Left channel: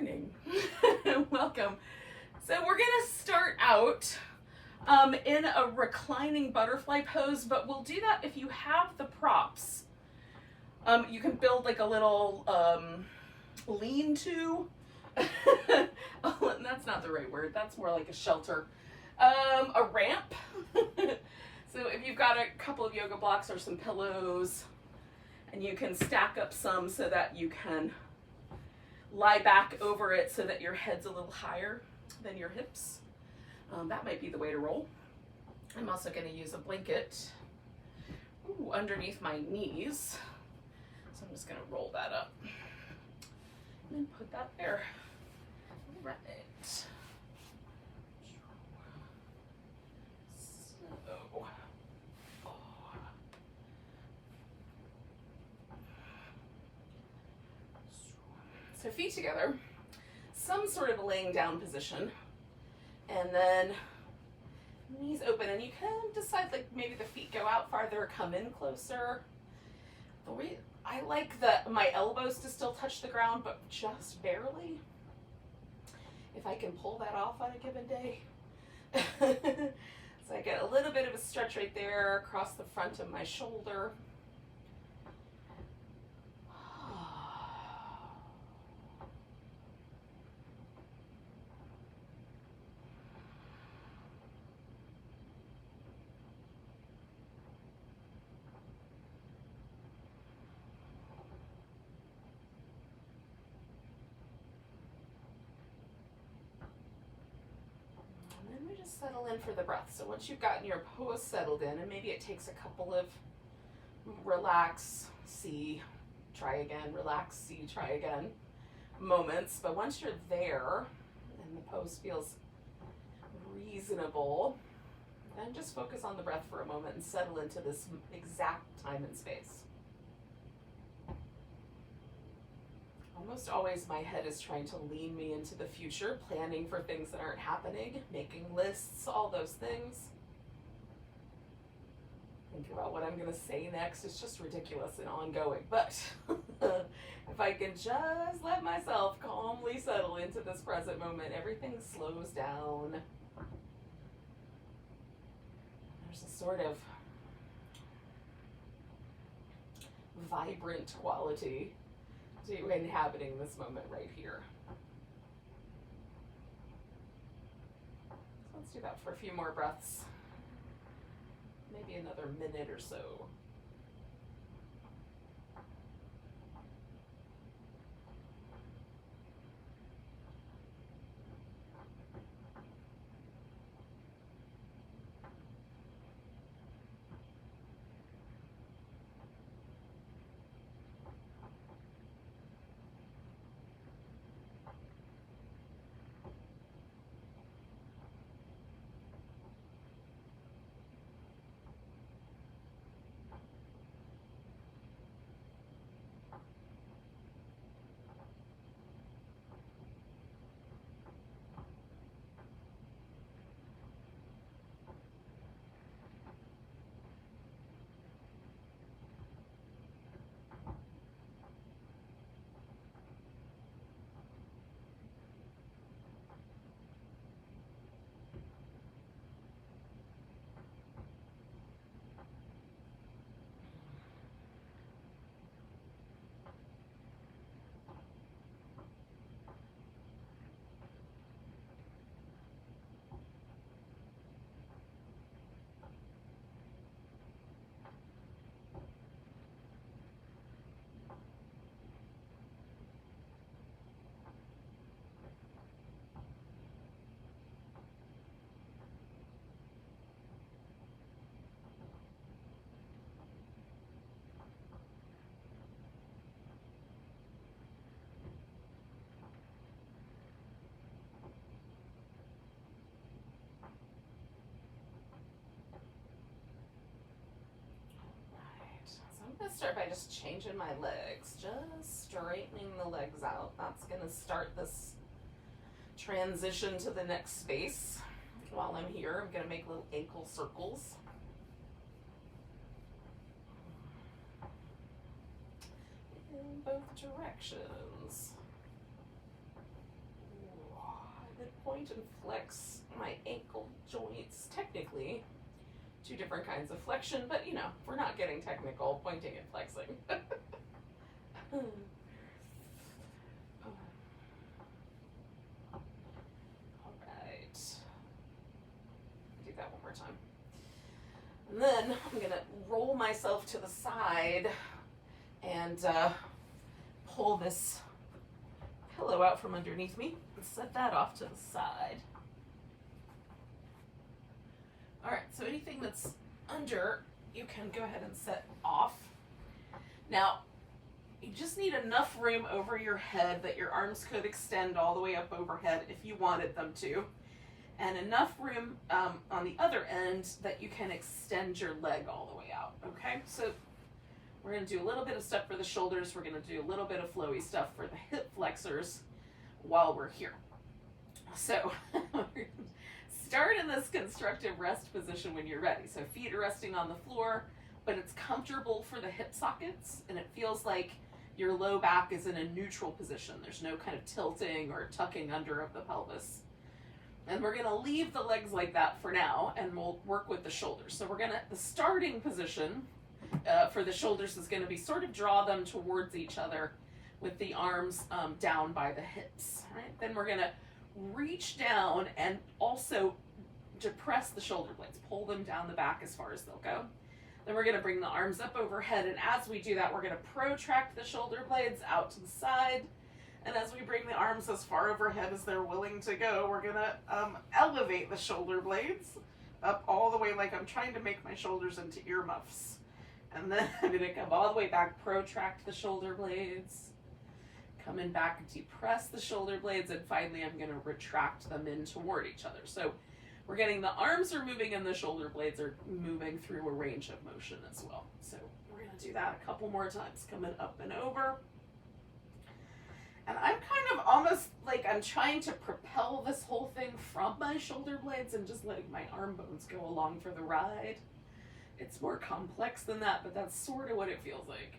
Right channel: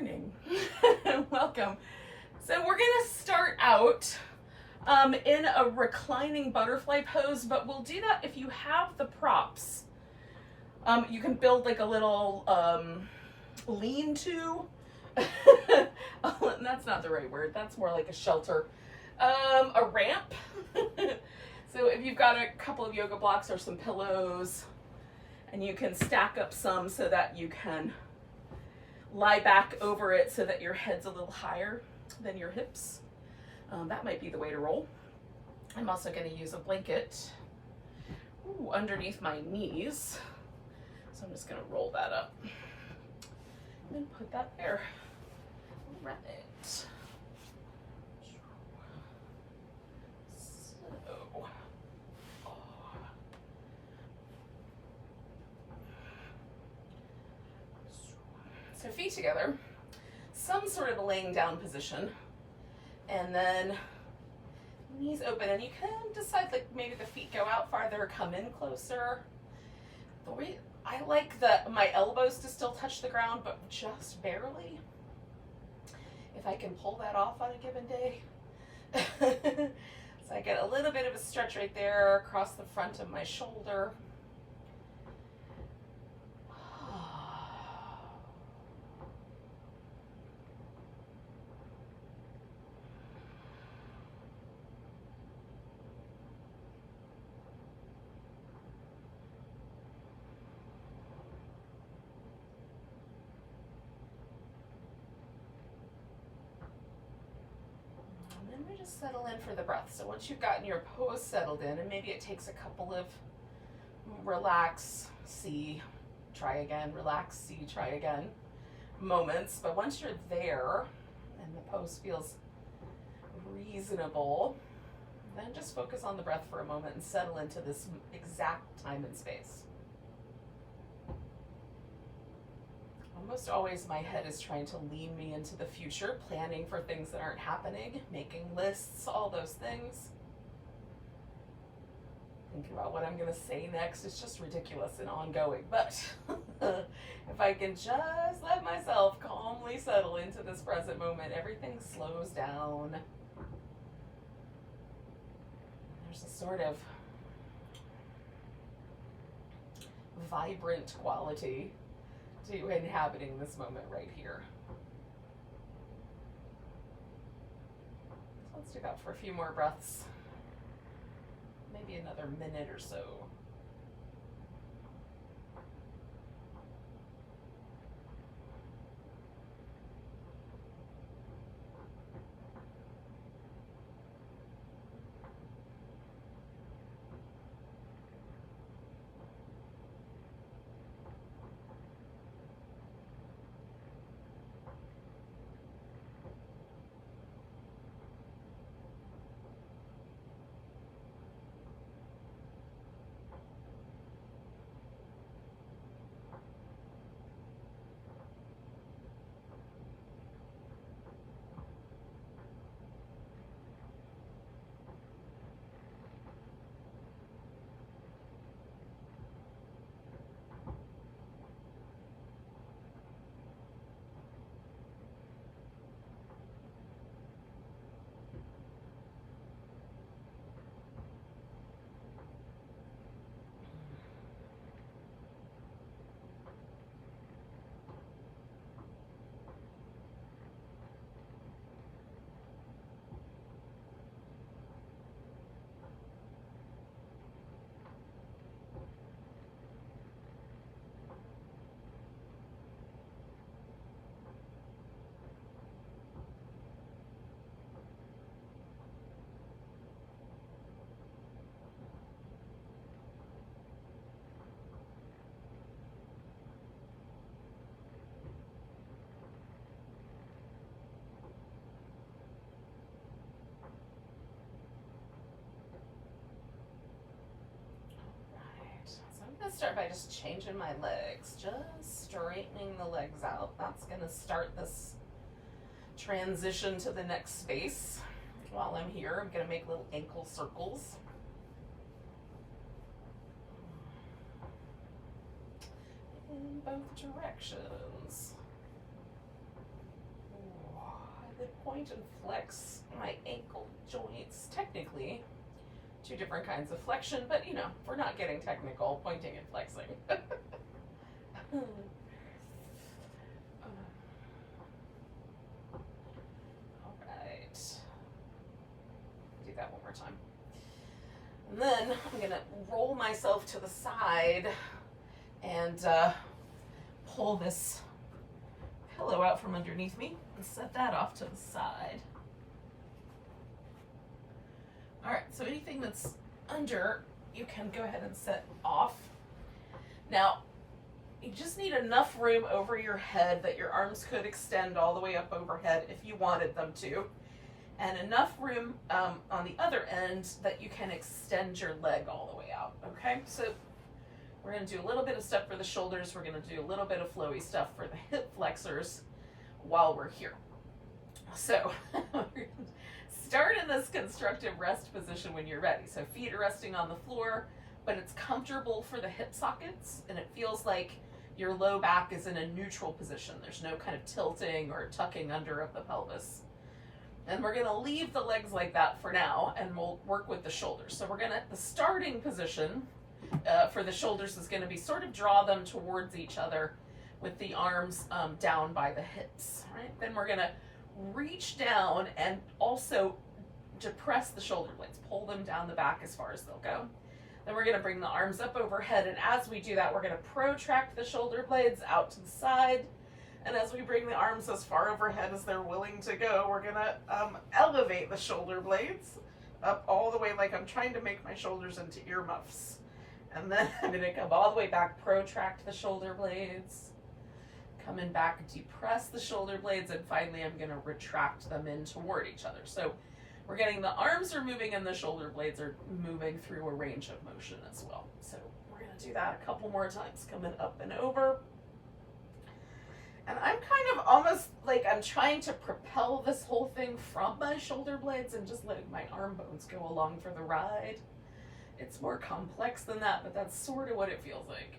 morning. Welcome. So we're gonna start out in a reclining butterfly pose, but we'll do that if you have the props. You can build like a little lean-to. Oh, that's not the right word. That's more like a shelter. A ramp. So if you've got a couple of yoga blocks or some pillows, and you can stack up some so that you can lie back over it so that your head's a little higher than your hips. That might be the way to roll. I'm also going to use a blanket underneath my knees. So I'm just going to roll that up and put that there. Right. So feet together, some sort of a laying down position, and then knees open, and you can decide like maybe the feet go out farther, come in closer. I like my elbows to still touch the ground, but just barely. If I can pull that off on a given day. So I get a little bit of a stretch right there across the front of my shoulder. Settle in for the breath. So once you've gotten your pose settled in, and maybe it takes a couple of relax, see, try again, relax, see, try again moments, but once you're there and the pose feels reasonable, then just focus on the breath for a moment and settle into this exact time and space. Almost always my head is trying to lean me into the future, planning for things that aren't happening, making lists, all those things. Thinking about what I'm going to say next is just ridiculous and ongoing. But if I can just let myself calmly settle into this present moment, everything slows down. There's a sort of vibrant quality to inhabiting this moment right here. So let's do that for a few more breaths. Maybe another minute or so. I'm going to start by just changing my legs, just straightening the legs out. That's going to start this transition to the next space. While I'm here, I'm going to make little ankle circles. In both directions. point and flex my ankle joints. Technically, two different kinds of flexion, but you know, we're not getting technical, pointing and flexing. All right. Do that one more time. And then I'm gonna roll myself to the side and pull this pillow out from underneath me and set that off to the side. All right, so anything that's under, you can go ahead and set off. Now, you just need enough room over your head that your arms could extend all the way up overhead if you wanted them to, and enough room on the other end that you can extend your leg all the way out, okay? So we're gonna do a little bit of stuff for the shoulders, we're gonna do a little bit of flowy stuff for the hip flexors while we're here. So, start in this constructive rest position when you're ready. So feet are resting on the floor, but it's comfortable for the hip sockets, and it feels like your low back is in a neutral position. There's no kind of tilting or tucking under of the pelvis. And we're gonna leave the legs like that for now, and we'll work with the shoulders. So the starting position for the shoulders is gonna be sort of draw them towards each other with the arms down by the hips, right? Then we're gonna reach down and also depress the shoulder blades, pull them down the back as far as they'll go. Then we're gonna bring the arms up overhead, and as we do that, we're gonna protract the shoulder blades out to the side. And as we bring the arms as far overhead as they're willing to go, we're gonna elevate the shoulder blades up all the way, like I'm trying to make my shoulders into earmuffs. And then I'm gonna come all the way back, protract the shoulder blades, coming back, depress the shoulder blades, and finally I'm gonna retract them in toward each other. So we're getting the arms are moving and the shoulder blades are moving through a range of motion as well. So we're gonna do that a couple more times, coming up and over. And I'm kind of almost like I'm trying to propel this whole thing from my shoulder blades and just letting my arm bones go along for the ride. It's more complex than that, but that's sort of what it feels like.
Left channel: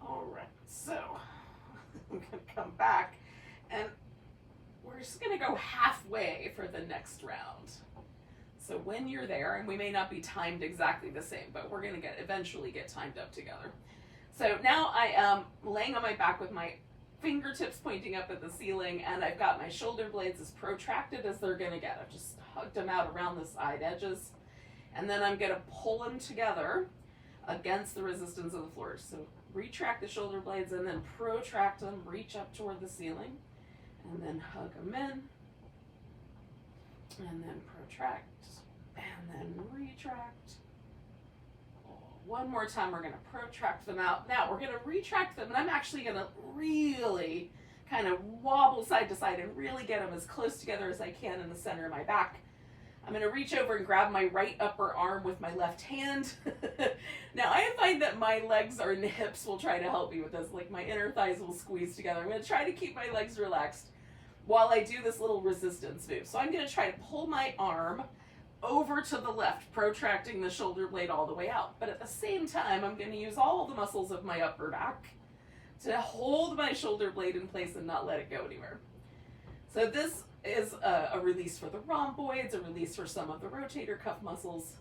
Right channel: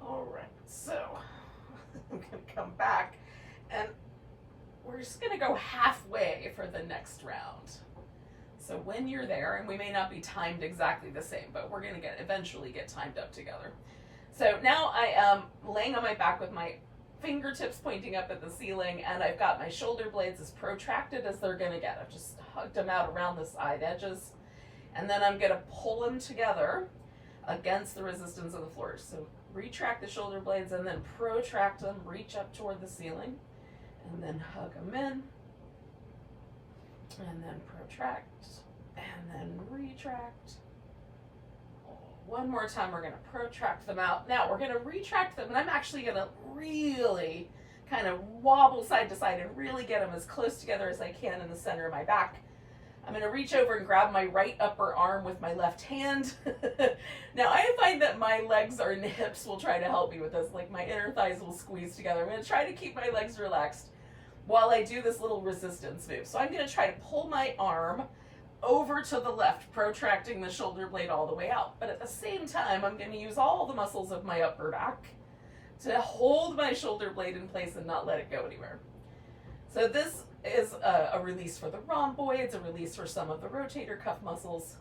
All right, so I'm gonna come back and we're just gonna go halfway for the next round. So when you're there, and we may not be timed exactly the same, but we're gonna eventually get timed up together. So now I am laying on my back with my fingertips pointing up at the ceiling, and I've got my shoulder blades as protracted as they're gonna get. I've just hugged them out around the side edges, and then I'm gonna pull them together against the resistance of the floor. So retract the shoulder blades and then protract them, reach up toward the ceiling, and then hug them in, and then protract, and then retract. One more time, we're gonna protract them out. Now we're gonna retract them, and I'm actually gonna really kind of wobble side to side and really get them as close together as I can in the center of my back. I'm gonna reach over and grab my right upper arm with my left hand. Now I find that my legs and hips will try to help me with this, like my inner thighs will squeeze together. I'm gonna try to keep my legs relaxed while I do this little resistance move. So I'm gonna try to pull my arm over to the left, protracting the shoulder blade all the way out. But at the same time, I'm gonna use all the muscles of my upper back to hold my shoulder blade in place and not let it go anywhere. So this is a release for the rhomboids, a release for some of the rotator cuff muscles.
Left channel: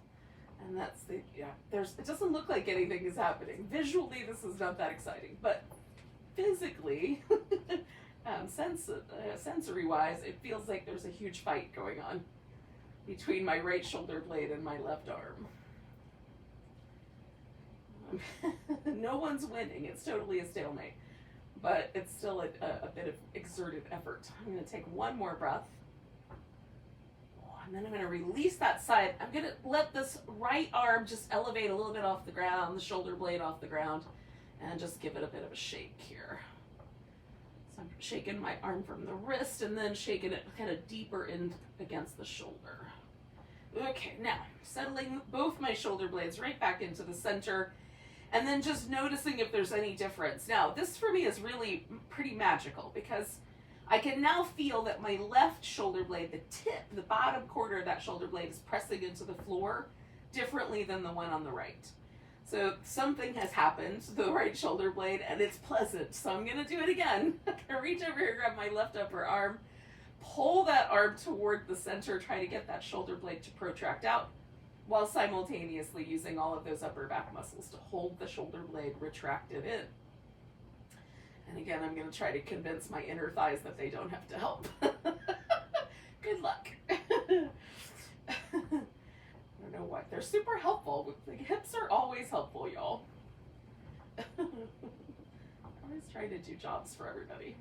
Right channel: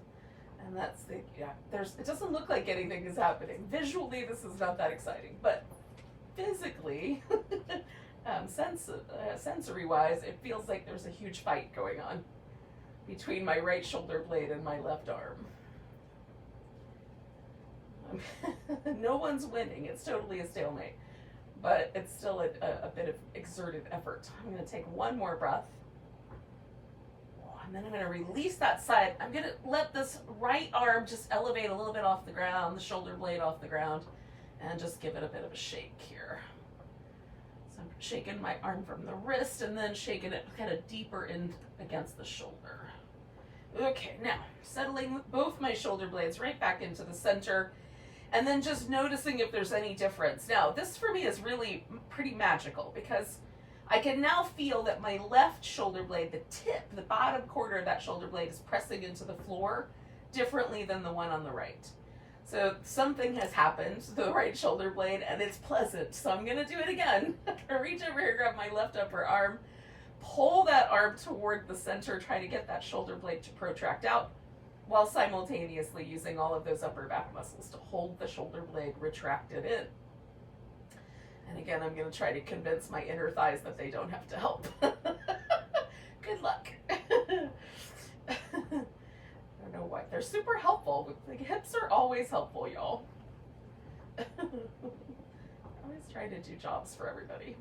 And that's the, it doesn't look like anything is happening. Visually, this is not that exciting, but physically, sensory-wise, it feels like there's a huge fight going on between my right shoulder blade and my left arm. No one's winning. It's totally a stalemate, but it's still a bit of exerted effort. I'm going to take one more breath, and then I'm going to release that side. I'm going to let this right arm just elevate a little bit off the ground, the shoulder blade off the ground, and just give it a bit of a shake here. So I'm shaking my arm from the wrist and then shaking it kind of deeper in against the shoulder. Okay, now settling both my shoulder blades right back into the center. And then just noticing if there's any difference. Now, this for me is really pretty magical because I can now feel that my left shoulder blade, the tip, the bottom quarter of that shoulder blade is pressing into the floor differently than the one on the right. So something has happened to the right shoulder blade and it's pleasant. So I'm gonna do it again. I'm gonna reach over here, grab my left upper arm, pull that arm toward the center, try to get that shoulder blade to protract out, while simultaneously using all of those upper back muscles to hold the shoulder blade retracted in. And again, I'm going to try to convince my inner thighs that they don't have to help. Good luck. I don't know what. They're super helpful. The hips are always helpful, y'all. I always try to do jobs for everybody.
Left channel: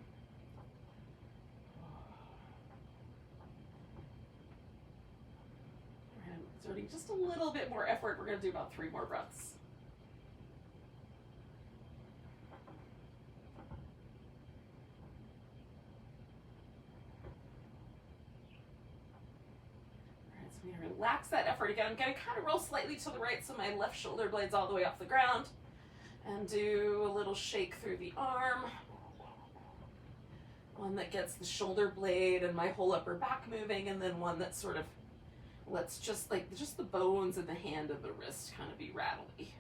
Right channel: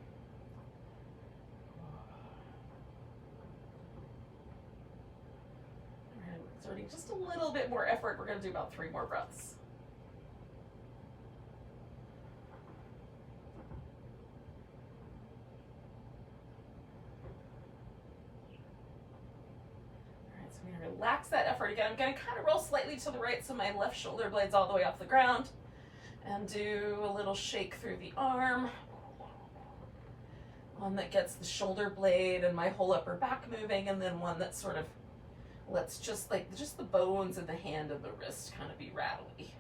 Exerting just a little bit more effort. We're going to do about 3 more breaths. All right, so I'm going to relax that effort again. I'm going to kind of roll slightly to the right so my left shoulder blade's all the way off the ground, and do a little shake through the arm. One that gets the shoulder blade and my whole upper back moving, and then one that sort of lets just the bones in the hand and the wrist kind of be rattly.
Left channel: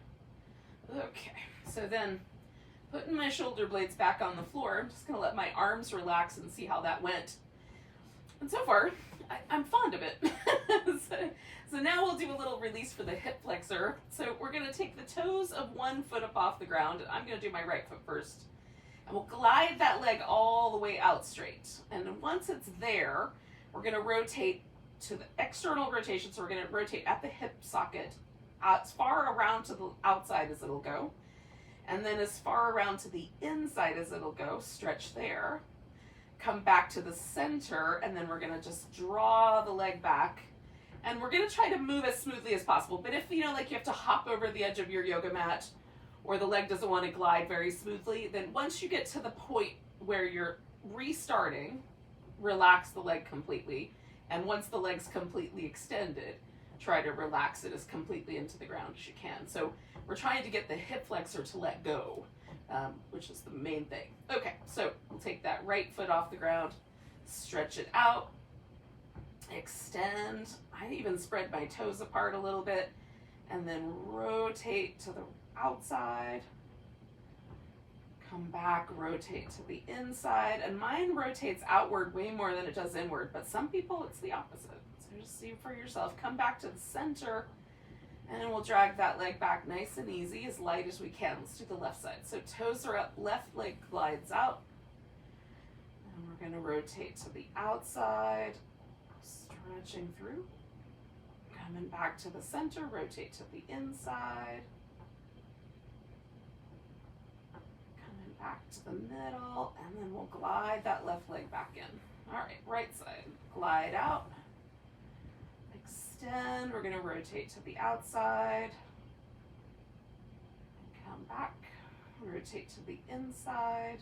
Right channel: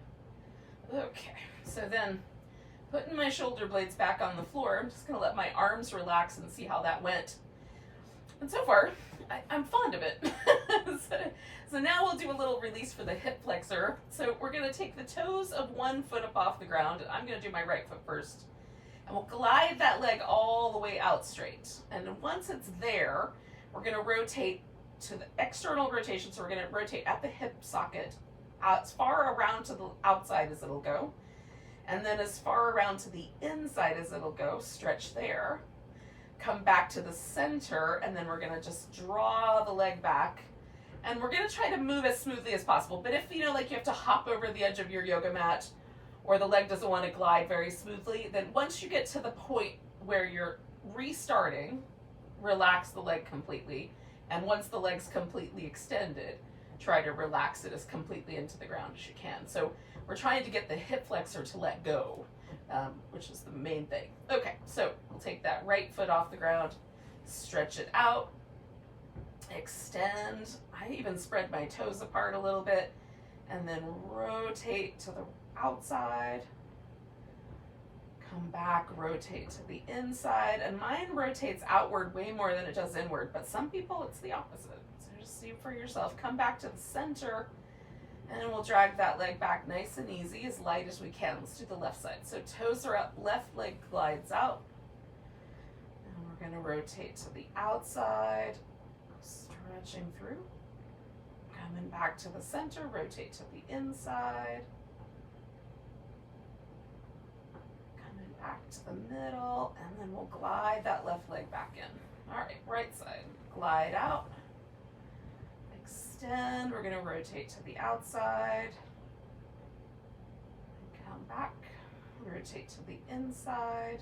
Okay, so then putting my shoulder blades back on the floor, I'm just gonna let my arms relax and see how that went. And so far, I'm fond of it. so now we'll do a little release for the hip flexor. So we're gonna take the toes of one foot up off the ground. I'm gonna do my right foot first. And we'll glide that leg all the way out straight. And then once it's there, we're gonna rotate to the external rotation, so we're going to rotate at the hip socket as far around to the outside as it'll go, and then as far around to the inside as it'll go, stretch there, come back to the center, and then we're going to just draw the leg back, and we're going to try to move as smoothly as possible. But if you have to hop over the edge of your yoga mat, or the leg doesn't want to glide very smoothly, then once you get to the point where you're restarting, relax the leg completely. And once the leg's completely extended, try to relax it as completely into the ground as you can. So we're trying to get the hip flexor to let go, which is the main thing. Okay, so we'll take that right foot off the ground, stretch it out, extend. I even spread my toes apart a little bit, and then rotate to the outside. Come back, rotate to the inside, and mine rotates outward way more than it does inward, but some people it's the opposite. So just see for yourself. Come back to the center, and then we'll drag that leg back nice and easy, as light as we can. Let's do the left side. So toes are up, left leg glides out, and we're going to rotate to the outside, stretching through, coming back to the center, rotate to the inside, back to the middle, and then we'll glide that left leg back in. All right, right side, glide out, extend. We're going to rotate to the outside, and come back, rotate to the inside,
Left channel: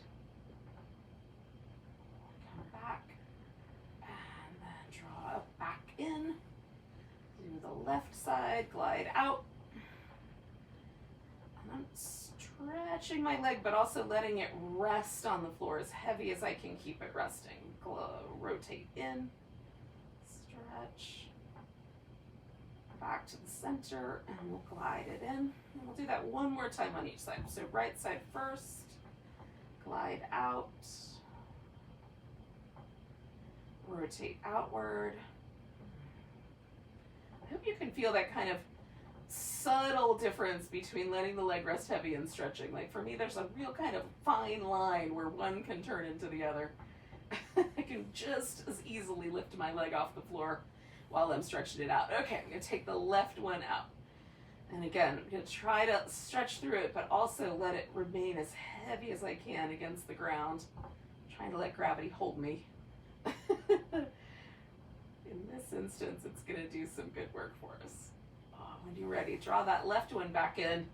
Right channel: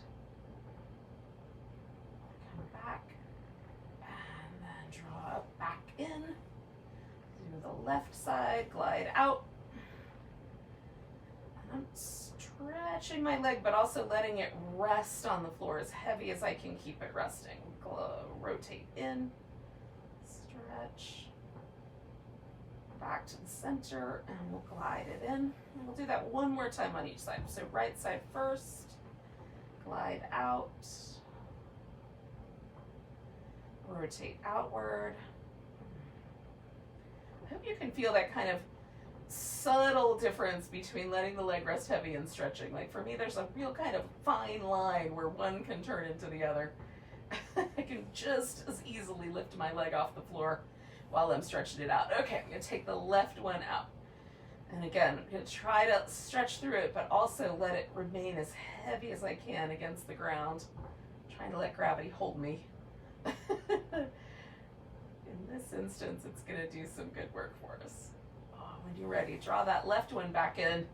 come back, and then draw back in. Do the left side, glide out, and I'm stretching my leg, but also letting it rest on the floor as heavy as I can keep it resting. Rotate in, stretch, back to the center, and we'll glide it in. And we'll do that one more time on each side. So right side first, glide out, rotate outward. I hope you can feel that kind of subtle difference between letting the leg rest heavy and stretching. Like for me, there's a real kind of fine line where one can turn into the other. I can just as easily lift my leg off the floor while I'm stretching it out. Okay, I'm going to take the left one out. And again, I'm going to try to stretch through it, but also let it remain as heavy as I can against the ground. I'm trying to let gravity hold me. In this instance, it's going to do some good work for us. When you're ready, draw that left one back in,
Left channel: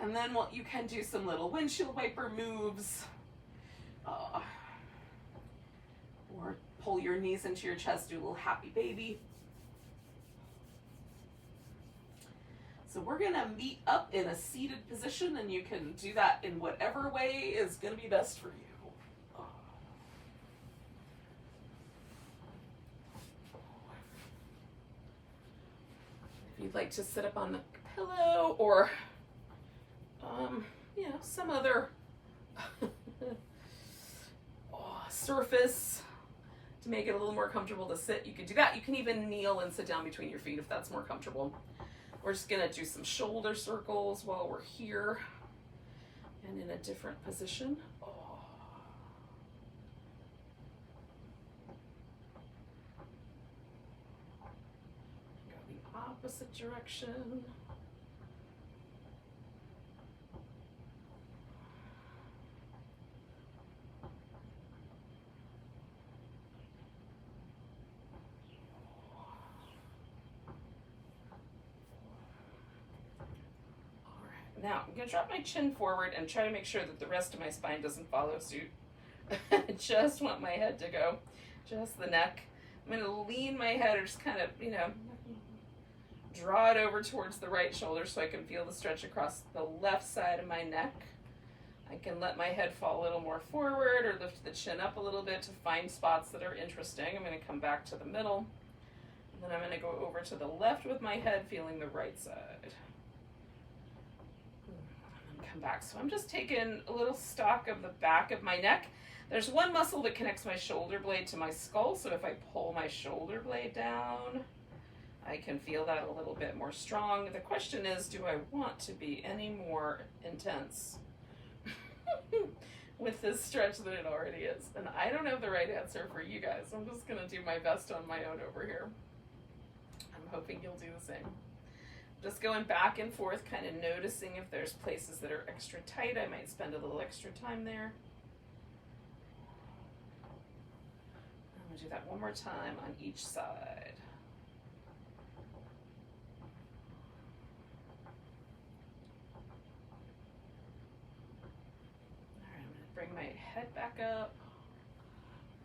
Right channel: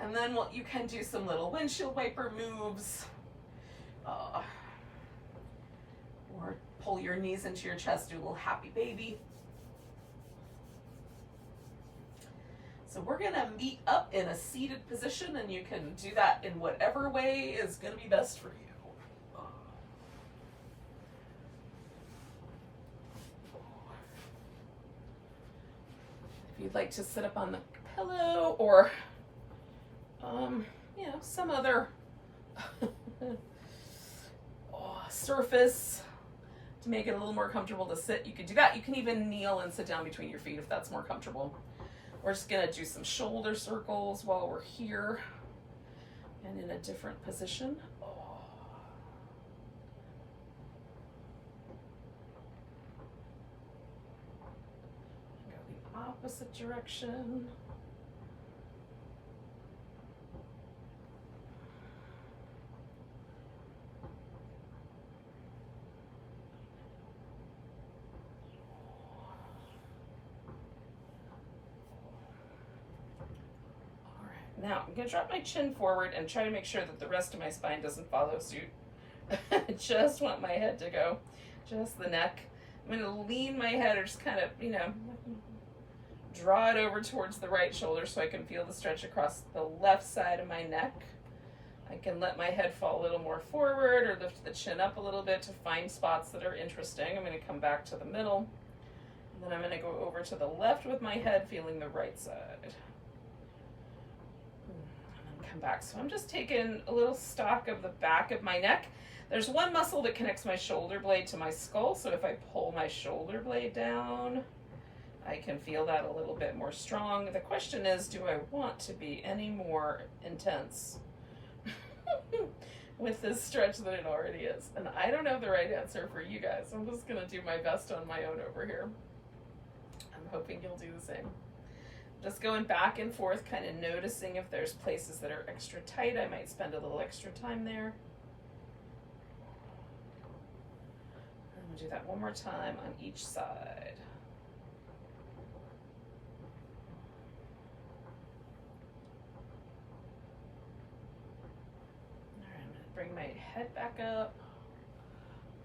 and then you can do some little windshield wiper moves, or pull your knees into your chest, do a little happy baby. So we're gonna meet up in a seated position, and you can do that in whatever way is gonna be best for you. If you'd like to sit up on the pillow or, you know, some other surface to make it a little more comfortable to sit, you could do that. You can even kneel and sit down between your feet if that's more comfortable. We're just gonna do some shoulder circles while we're here and in a different position. Go the opposite direction. Now, I'm going to drop my chin forward and try to make sure that the rest of my spine doesn't follow suit. I just want my head to go, just the neck. I'm going to lean my head or just kind of, you know, draw it over towards the right shoulder so I can feel the stretch across the left side of my neck. I can let my head fall a little more forward or lift the chin up a little bit to find spots that are interesting. I'm going to come back to the middle. And then I'm going to go over to the left with my head, feeling the right side. Come back. So I'm just taking a little stock of the back of my neck. There's one muscle that connects my shoulder blade to my skull, so if I pull my shoulder blade down, I can feel that a little bit more strong. The question is, do I want to be any more intense with this stretch than it already is? And I don't have the right answer for you guys. I'm just gonna do my best on my own over here. I'm hoping you'll do the same. Just going back and forth, kind of noticing if there's places that are extra tight. I might spend a little extra time there. I'm gonna do that one more time on each side. All right, I'm gonna bring my head back up.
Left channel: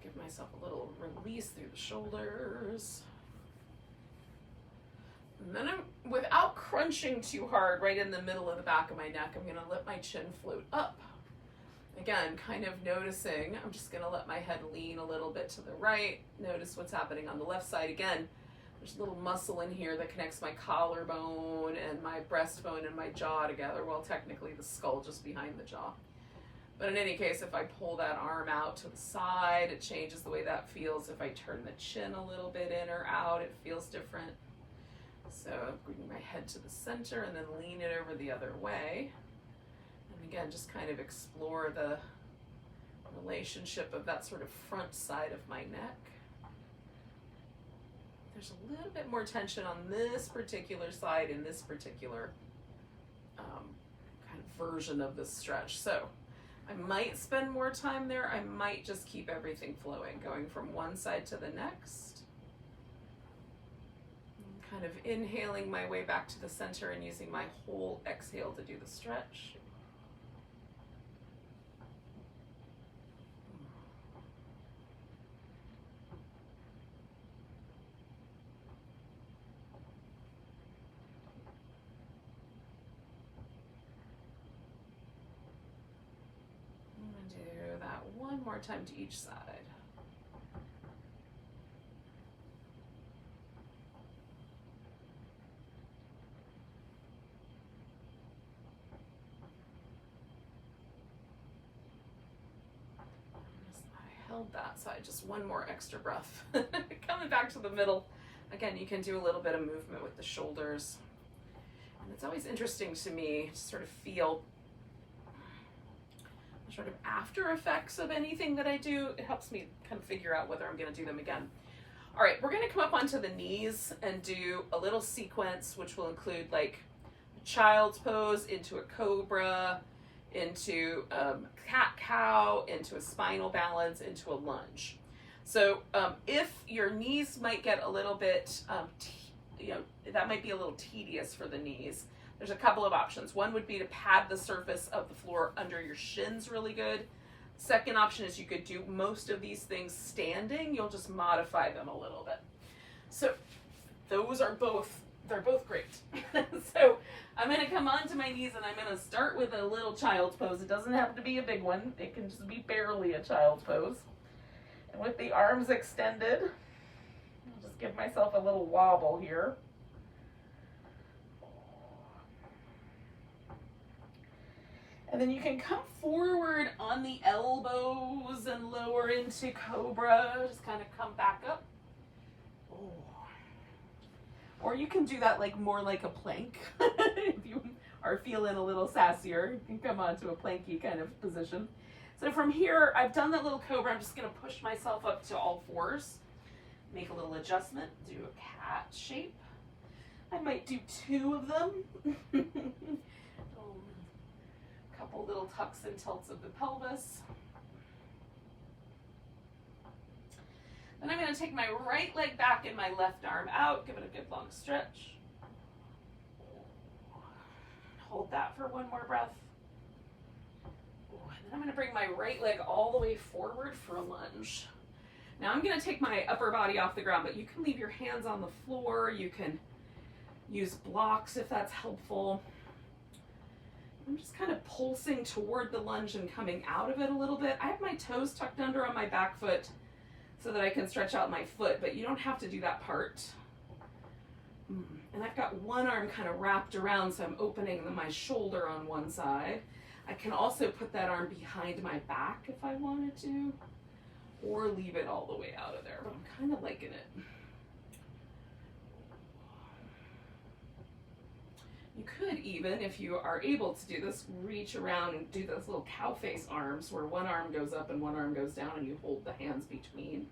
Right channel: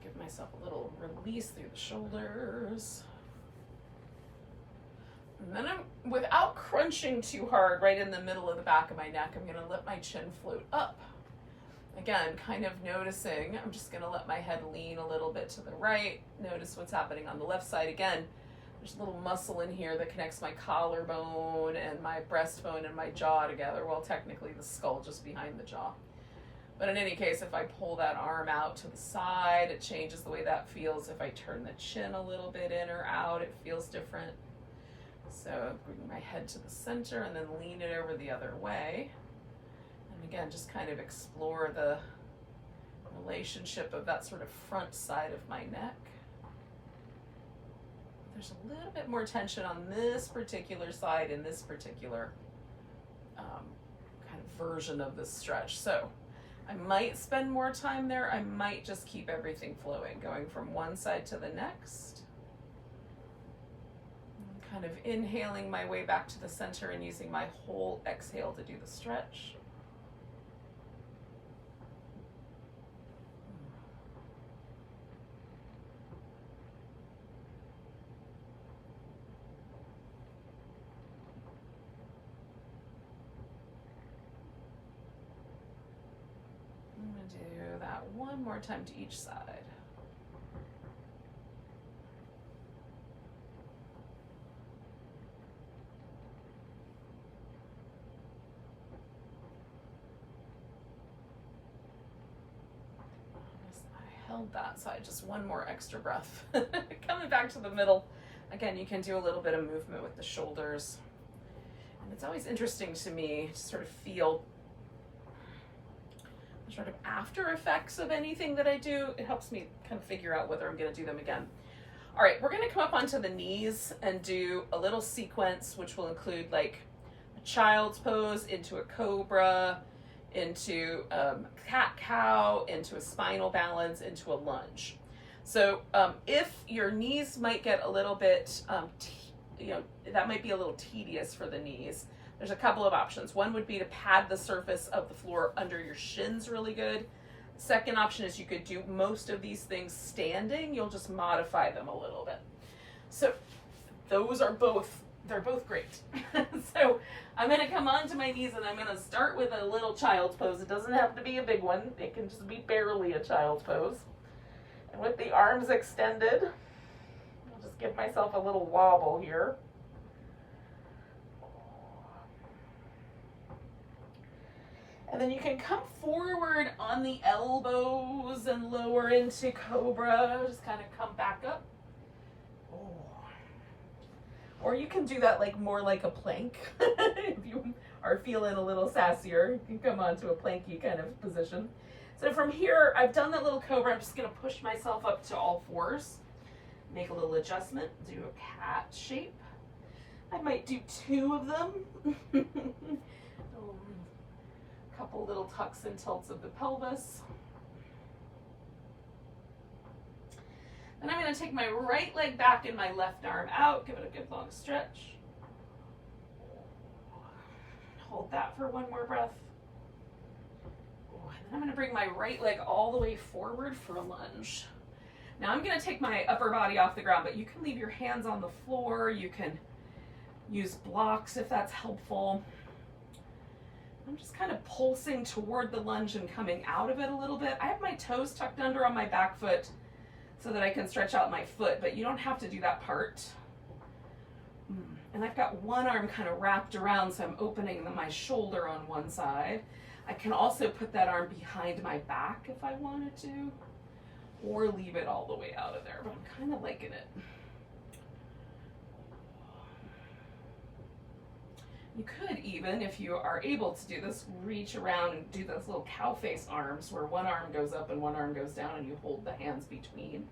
Give myself a little release through the shoulders. And then without crunching too hard right in the middle of the back of my neck, I'm gonna let my chin float up. Again, kind of noticing, I'm just gonna let my head lean a little bit to the right. Notice what's happening on the left side. Again, there's a little muscle in here that connects my collarbone and my breastbone and my jaw together. Well, technically the skull just behind the jaw. But in any case, if I pull that arm out to the side, it changes the way that feels. If I turn the chin a little bit in or out, it feels different. So I'm bringing my head to the center and then lean it over the other way. And again, just kind of explore the relationship of that sort of front side of my neck. There's a little bit more tension on this particular side in this particular kind of version of this stretch. So I might spend more time there. I might just keep everything flowing, going from one side to the next. Kind of inhaling my way back to the center and using my whole exhale to do the stretch. I'm going to do that one more time to each side. Held that side, just one more extra breath. Coming back to the middle. Again, you can do a little bit of movement with the shoulders. And it's always interesting to me to sort of feel the sort of after effects of anything that I do. It helps me kind of figure out whether I'm going to do them again. All right, we're going to come up onto the knees and do a little sequence, which will include like a child's pose into a cobra, into cat-cow, into a spinal balance, into a lunge. So if your knees might get a little bit, that might be a little tedious for the knees, there's a couple of options. One would be to pad the surface of the floor under your shins really good. Second option is you could do most of these things standing. You'll just modify them a little bit. So those are both they're both great. So I'm going to come onto my knees and I'm going to start with a little child's pose. It doesn't have to be a big one. It can just be barely a child's pose. And with the arms extended, I'll just give myself a little wobble here. And then you can come forward on the elbows and lower into cobra. Just kind of come back up. Or you can do that like more like a plank. If you are feeling a little sassier, you can come onto a planky kind of position. So from here, I've done that little cobra. I'm just gonna push myself up to all fours. Make a little adjustment, do a cat shape. I might do 2 of them. Couple little tucks and tilts of the pelvis. Then I'm going to take my right leg back and my left arm out. Give it a good long stretch. Hold that for 1 more breath. And then I'm going to bring my right leg all the way forward for a lunge. Now I'm going to take my upper body off the ground, but you can leave your hands on the floor. You can use blocks if that's helpful. I'm just kind of pulsing toward the lunge and coming out of it a little bit. I have my toes tucked under on my back foot so that I can stretch out my foot, but you don't have to do that part. And I've got one arm kind of wrapped around, so I'm opening my shoulder on one side. I can also put that arm behind my back if I wanted to, or leave it all the way out of there, but I'm kind of liking it. You could even, if you are able to do this, reach around and do those little cow face arms where one arm goes up and one arm goes down and you hold the hands between.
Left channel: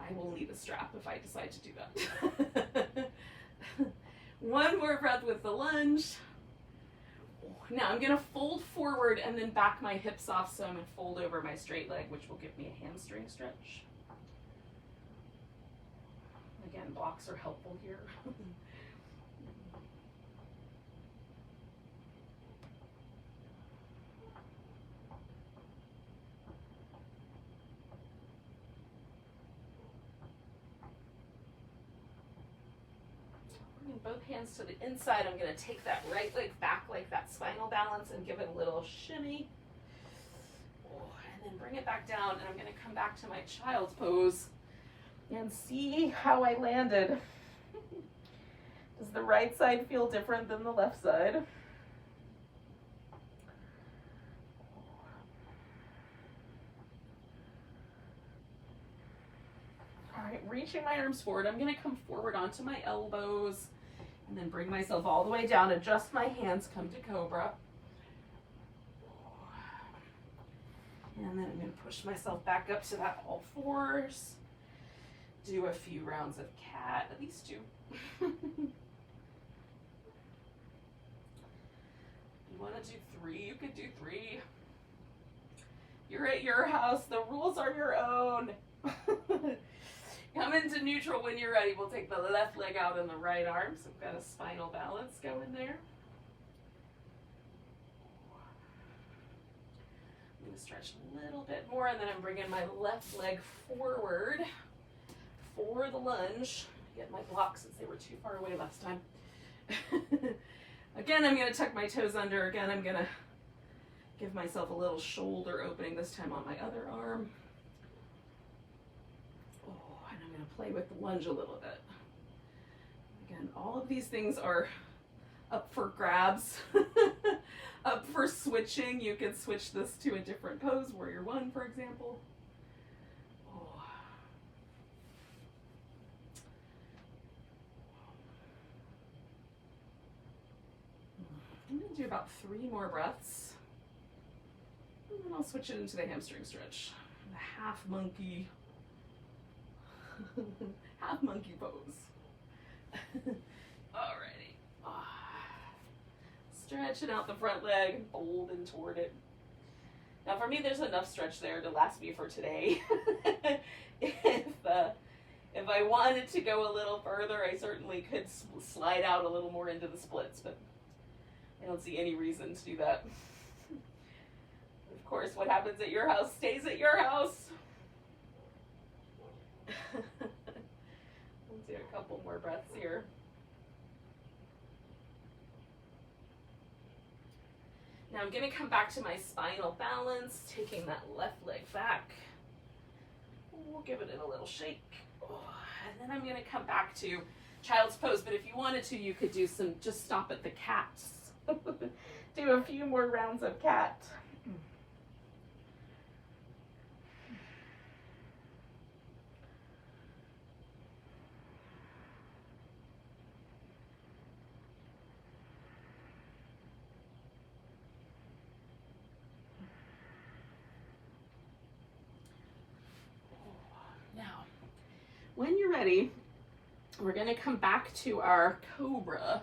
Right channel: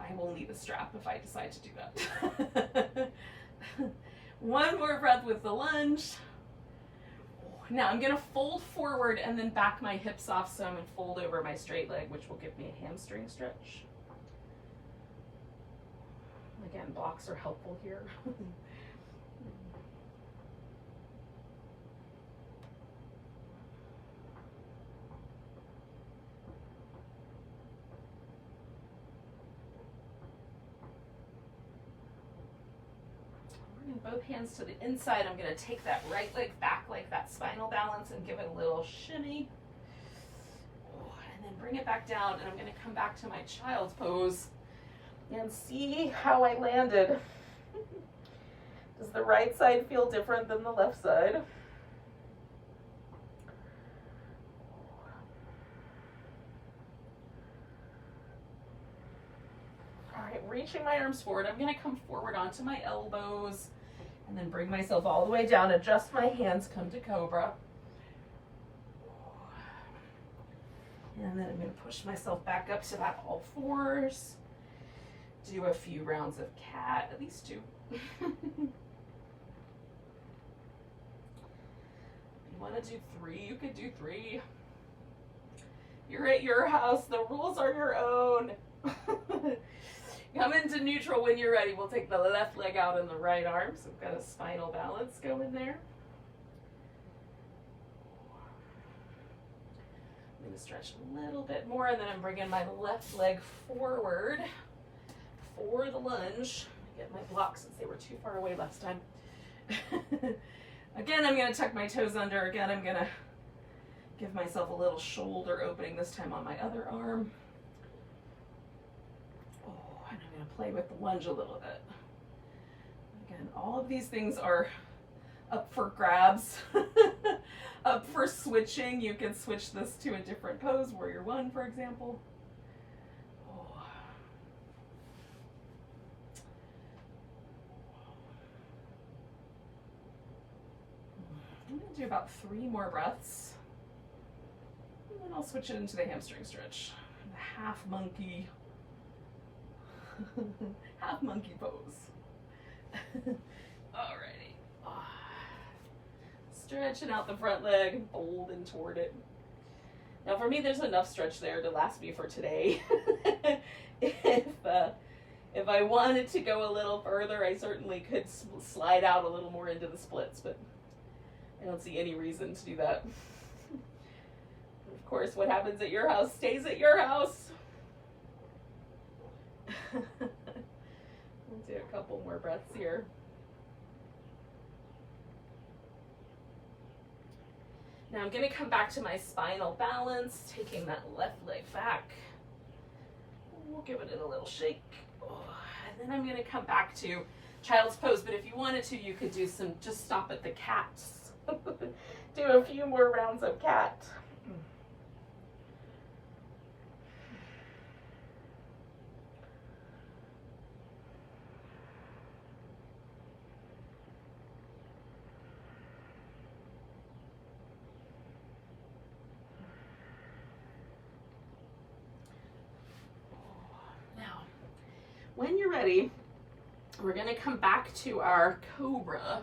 I will need a strap if I decide to do that. 1 more breath with the lunge. Now I'm going to fold forward and then back my hips off some and fold over my straight leg, which will give me a hamstring stretch. Again, blocks are helpful here. Both hands to the inside. I'm going to take that right leg back like that spinal balance and give it a little shimmy. And then bring it back down, and I'm going to come back to my child's pose and see how I landed. Does the right side feel different than the left side? All right, reaching my arms forward. I'm going to come forward onto my elbows and then bring myself all the way down, adjust my hands, come to cobra. And then I'm going to push myself back up to that all fours. Do a few rounds of cat, at least 2. You want to do 3, you could do 3. You're at your house, the rules are your own. Come into neutral when you're ready. We'll take the left leg out and the right arm. So we've got a spinal balance going there. I'm going to stretch a little bit more, and then I'm bringing my left leg forward for the lunge. Get my blocks since they were too far away last time. Again, I'm going to tuck my toes under. Again, I'm going to give myself a little shoulder opening, this time on my other arm. To play with the lunge a little bit. Again, all of these things are up for grabs, up for switching. You can switch this to a different pose, warrior 1, for example. I'm going to do about 3 more breaths, and then I'll switch it into the hamstring stretch, the half monkey. Half monkey pose. Alrighty. Stretching out the front leg and folding toward it. Now for me, there's enough stretch there to last me for today. If I wanted to go a little further, I certainly could slide out a little more into the splits, but I don't see any reason to do that. Of course, what happens at your house stays at your house. We'll do a couple more breaths here. Now I'm gonna come back to my spinal balance, taking that left leg back. We'll give it a little shake. And then I'm gonna come back to child's pose, but if you wanted to, you could do some, just stop at the cats. Do a few more rounds of cat. Now, when you're ready, we're gonna come back to our cobra.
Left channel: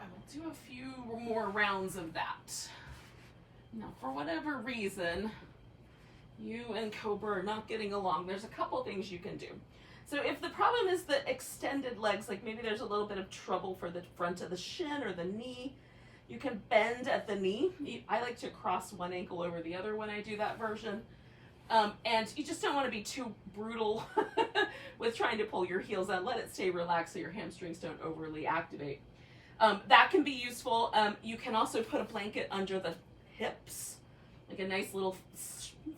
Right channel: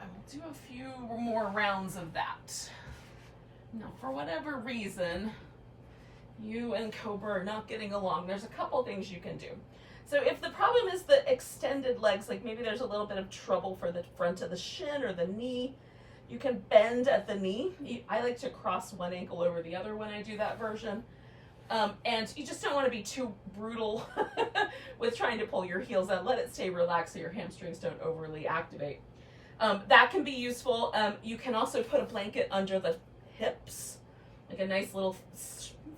And we'll do a few more rounds of that. Now, for whatever reason, you and cobra are not getting along, there's a couple things you can do. So if the problem is the extended legs, like maybe there's a little bit of trouble for the front of the shin or the knee, you can bend at the knee. I like to cross one ankle over the other when I do that version. And you just don't want to be too brutal with trying to pull your heels out. Let it stay relaxed so your hamstrings don't overly activate. That can be useful. You can also put a blanket under the hips, like a nice little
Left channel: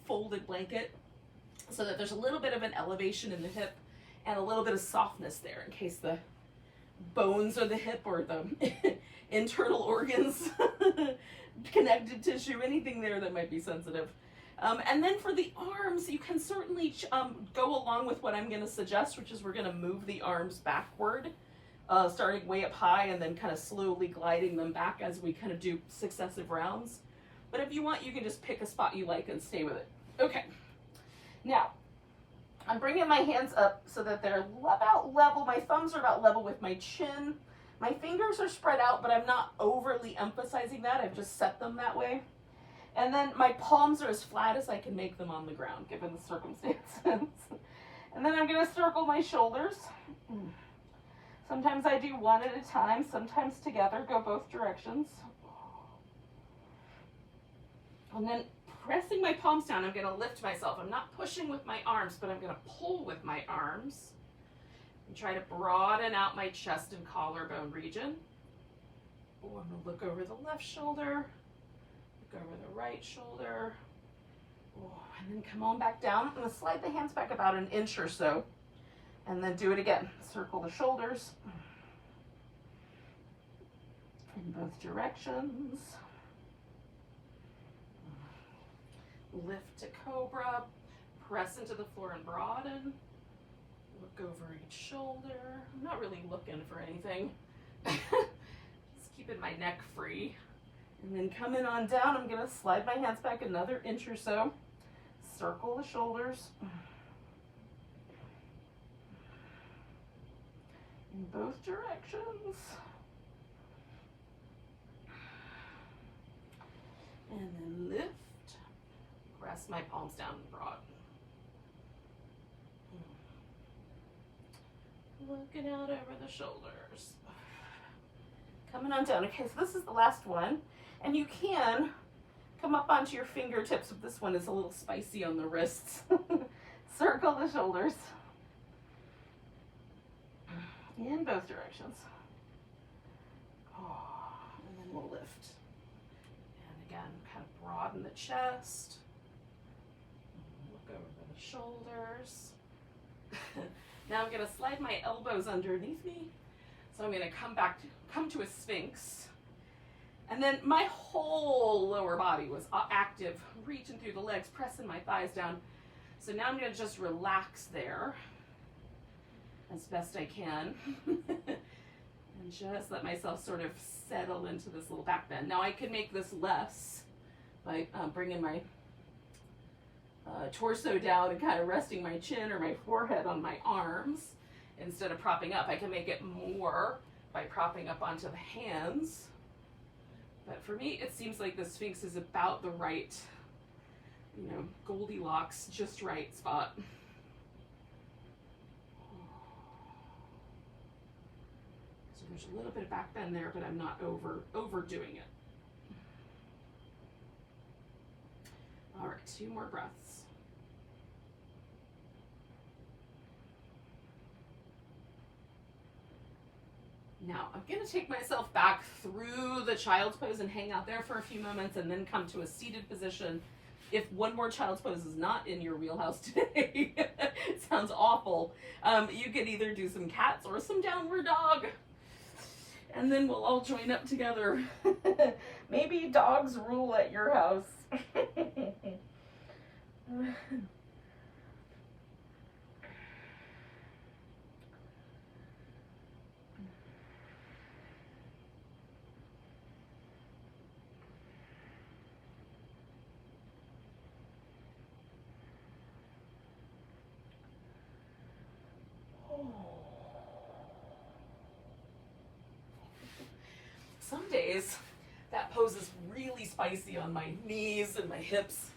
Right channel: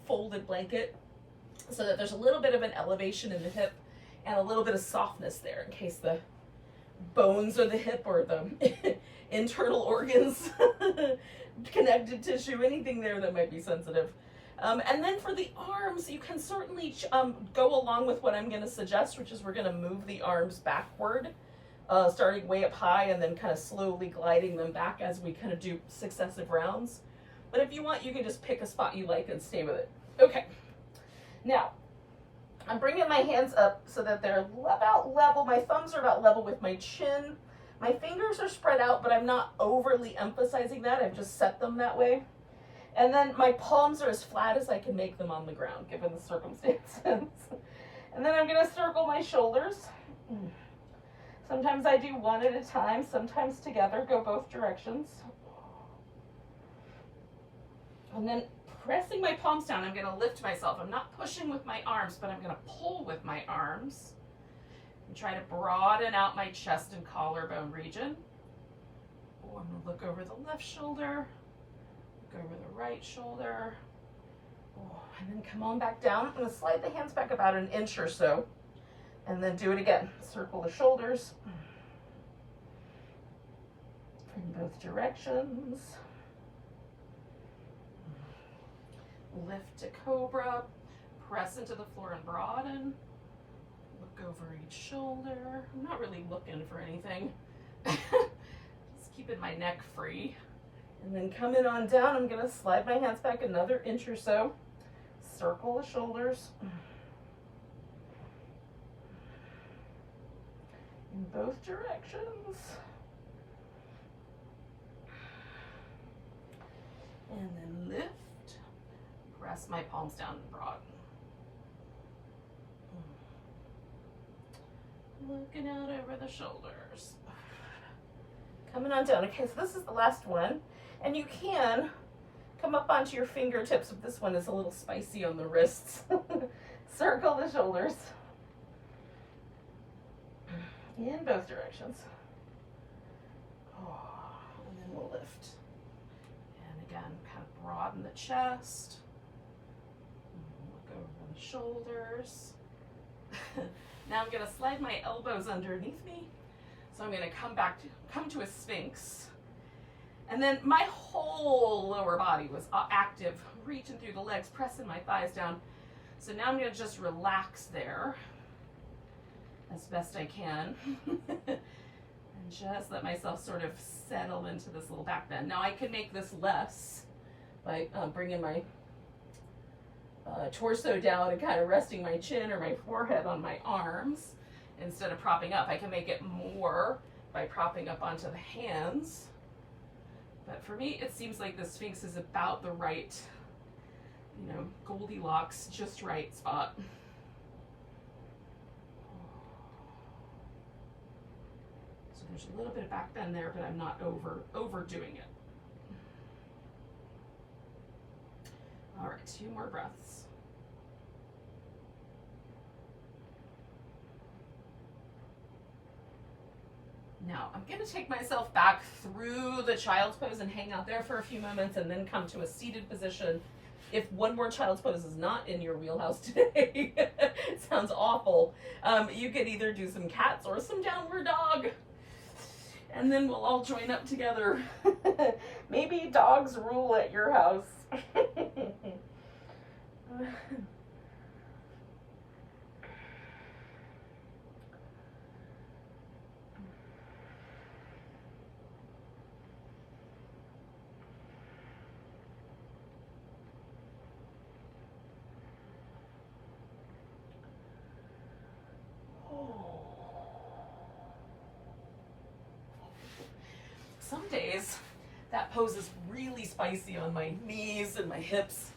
folded blanket, so that there's a little bit of an elevation in the hip and a little bit of softness there in case the bones of the hip or the internal organs, connective tissue, anything there that might be sensitive. And then for the arms, you can certainly go along with what I'm going to suggest, which is we're going to move the arms backward, starting way up high and then kind of slowly gliding them back as we kind of do successive rounds. But if you want, you can just pick a spot you like and stay with it. Okay. Now, I'm bringing my hands up so that they're about level. My thumbs are about level with my chin. My fingers are spread out, but I'm not overly emphasizing that. I've just set them that way. And then my palms are as flat as I can make them on the ground, given the circumstances. And then I'm going to circle my shoulders. Sometimes I do one at a time, sometimes together, go both directions. And then pressing my palms down, I'm going to lift myself. I'm not pushing with my arms, but I'm going to pull with my arms and try to broaden out my chest and collarbone region. Oh, I'm going to look over the left shoulder, look over the right shoulder. Oh, and then come on back down. I'm going to slide the hands back about an inch or so, and then do it again. Circle the shoulders in both directions. Lift to cobra, press into the floor and broaden. Look over each shoulder. I'm not really looking for anything. Just keeping my neck free. And then coming on down, I'm going to slide my hands back another inch or so. Circle the shoulders. In both directions. And then lift. Press my palms down and broaden. Looking out over the shoulders. Coming on down. Okay, so this is the last one. And you can come up onto your fingertips, but this one is a little spicy on the wrists. Circle the shoulders. In both directions. Oh, and then we'll lift. And again, kind of broaden the chest. Look over the shoulders. Now I'm going to slide my elbows underneath me. So I'm going to come to a sphinx. And then my whole lower body was active, reaching through the legs, pressing my thighs down. So now I'm going to just relax there as best I can. And just let myself sort of settle into this little back bend. Now I can make this less by bringing my torso down and kind of resting my chin or my forehead on my arms instead of propping up. I can make it more by propping up onto the hands. But for me, it seems like the Sphinx is about the right, Goldilocks, just right spot. So there's a little bit of back bend there, but I'm not overdoing it. All right, 2 more breaths. Now, I'm going to take myself back through the child's pose and hang out there for a few moments and then come to a seated position. If one more child's pose is not in your wheelhouse today, it sounds awful, you could either do some cats or some downward dog. And then we'll all join up together. Maybe dogs rule at your house. Some days that pose is really spicy on my knees and my hips,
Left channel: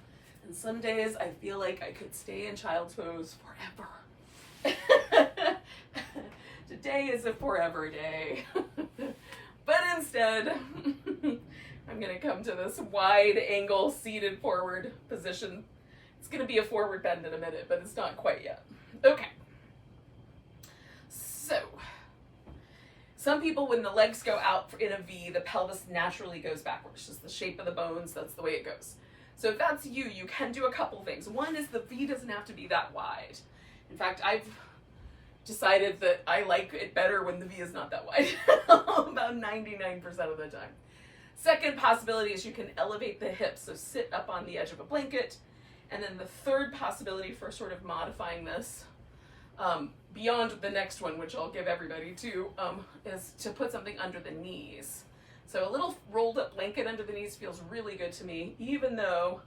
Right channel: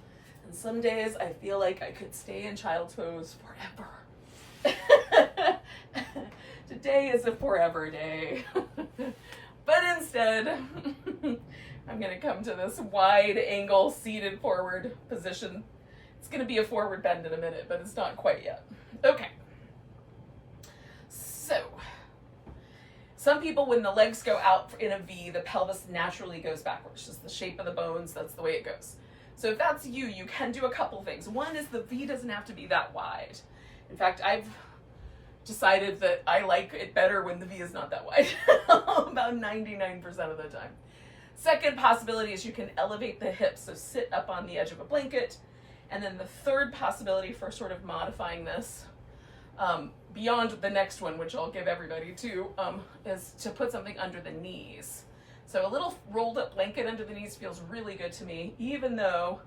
and some days I feel like I could stay in child's pose forever. Today is a forever day. But instead, I'm gonna come to this wide angle seated forward position. It's gonna be a forward bend in a minute, but it's not quite yet. Okay. So, some people, when the legs go out in a V, the pelvis naturally goes backwards. Just the shape of the bones, that's the way it goes. So if that's you, you can do a couple things. One is the V doesn't have to be that wide. In fact, I've decided that I like it better when the V is not that wide, about 99% of the time. Second possibility is you can elevate the hips, so sit up on the edge of a blanket. And then the third possibility for sort of modifying this, beyond the next one, which I'll give everybody too, is to put something under the knees. So a little rolled up blanket under the knees feels really good to me, even though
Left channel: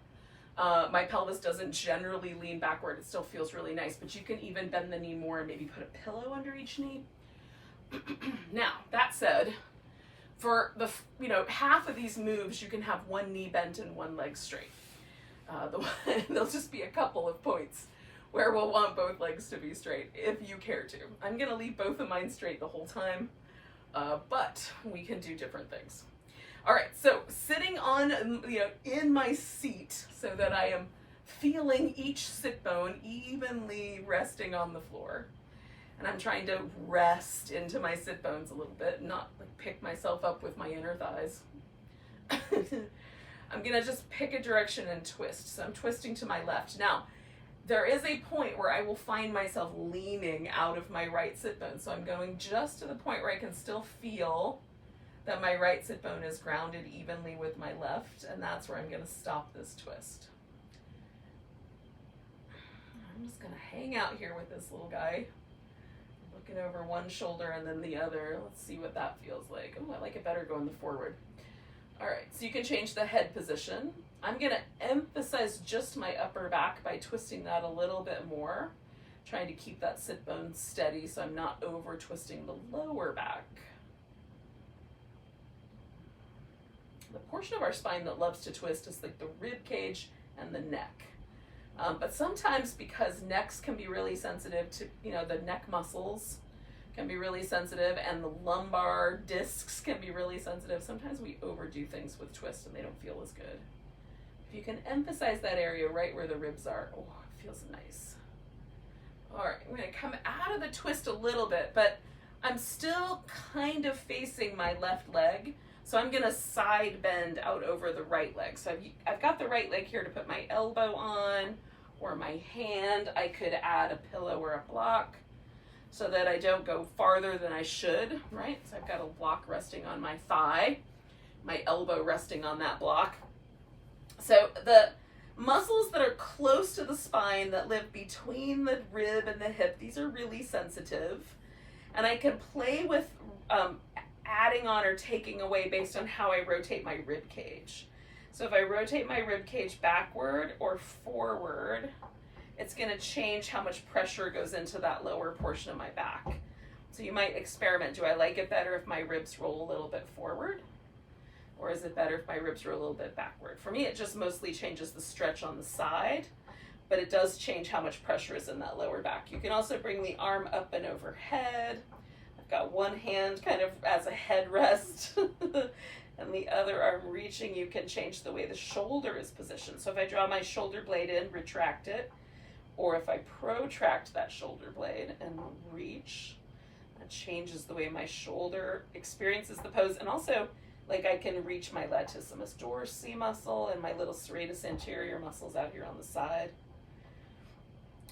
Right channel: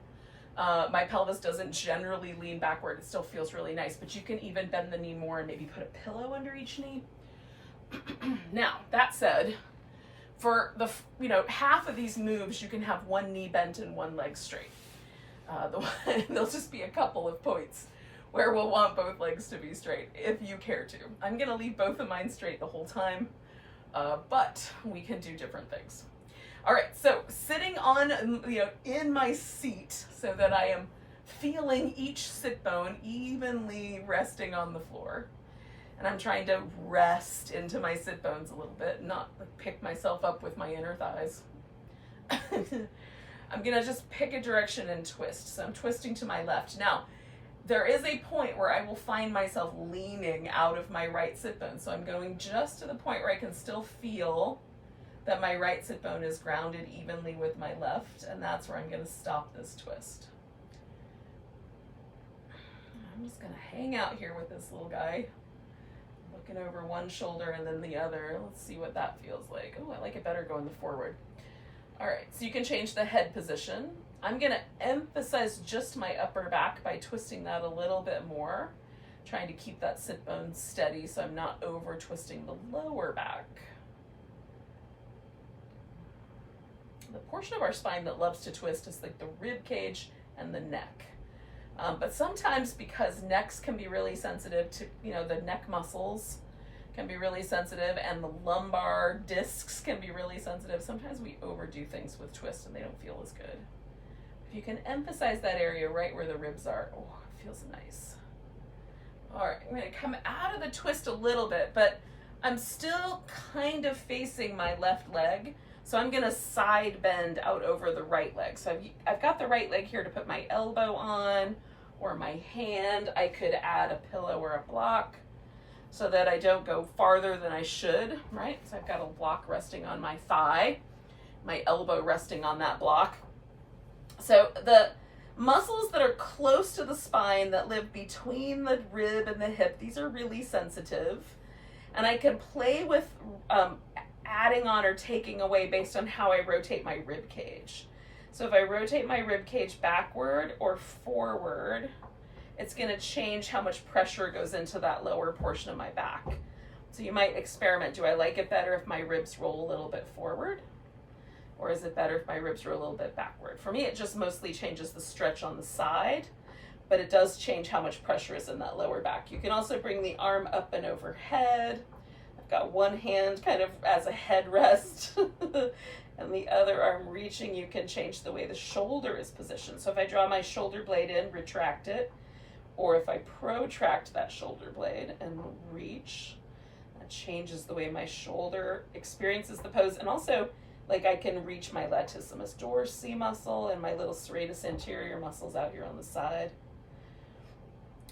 my pelvis doesn't generally lean backward. It still feels really nice, but you can even bend the knee more and maybe put a pillow under each knee. Now, that said, for the half of these moves, you can have one knee bent and one leg straight. There'll just be a couple of points where we'll want both legs to be straight, if you care to. I'm gonna leave both of mine straight the whole time, but we can do different things. All right, so sitting on, in my seat so that I am feeling each sit bone evenly resting on the floor. And I'm trying to rest into my sit bones a little bit, not like pick myself up with my inner thighs. I'm gonna just pick a direction and twist. So I'm twisting to my left. Now, there is a point where I will find myself leaning out of my right sit bone. So I'm going just to the point where I can still feel that my right sit bone is grounded evenly with my left, and that's where I'm gonna stop this twist. I'm just gonna hang out here with this little guy, looking over one shoulder and then the other. Let's see what that feels like. Oh, I like it better going the forward. All right, so you can change the head position. I'm gonna emphasize just my upper back by twisting that a little bit more, trying to keep that sit bone steady so I'm not over twisting the lower back. The portion of our spine that loves to twist is like the rib cage and the neck. But sometimes, because necks can be really sensitive to, the neck muscles can be really sensitive, and the lumbar discs can be really sensitive, sometimes we overdo things with twists and they don't feel as good. If you can emphasize that area right where the ribs are, oh, it feels nice. All right, I'm gonna come out of the twist a little bit, but I'm still kind of facing my left leg. So I'm gonna side bend out over the right leg. So I've got the right leg here to put my elbow on, or my hand. I could add a pillow or a block so that I don't go farther than I should, right? So I've got a block resting on my thigh, my elbow resting on that block. So the muscles that are close to the spine that live between the rib and the hip, these are really sensitive. And I can play with adding on or taking away based on how I rotate my rib cage. So if I rotate my rib cage backward or forward, it's gonna change how much pressure goes into that lower portion of my back. So you might experiment. Do I like it better if my ribs roll a little bit forward? Or is it better if my ribs are a little bit backward? For me, it just mostly changes the stretch on the side, but it does change how much pressure is in that lower back. You can also bring the arm up and overhead. I've got one hand kind of as a headrest and the other arm reaching. You can change the way the shoulder is positioned. So if I draw my shoulder blade in, retract it, or if I protract that shoulder blade and reach, It changes the way my shoulder experiences the pose, and also like I can reach my latissimus dorsi muscle and my little serratus anterior muscles out here on the side,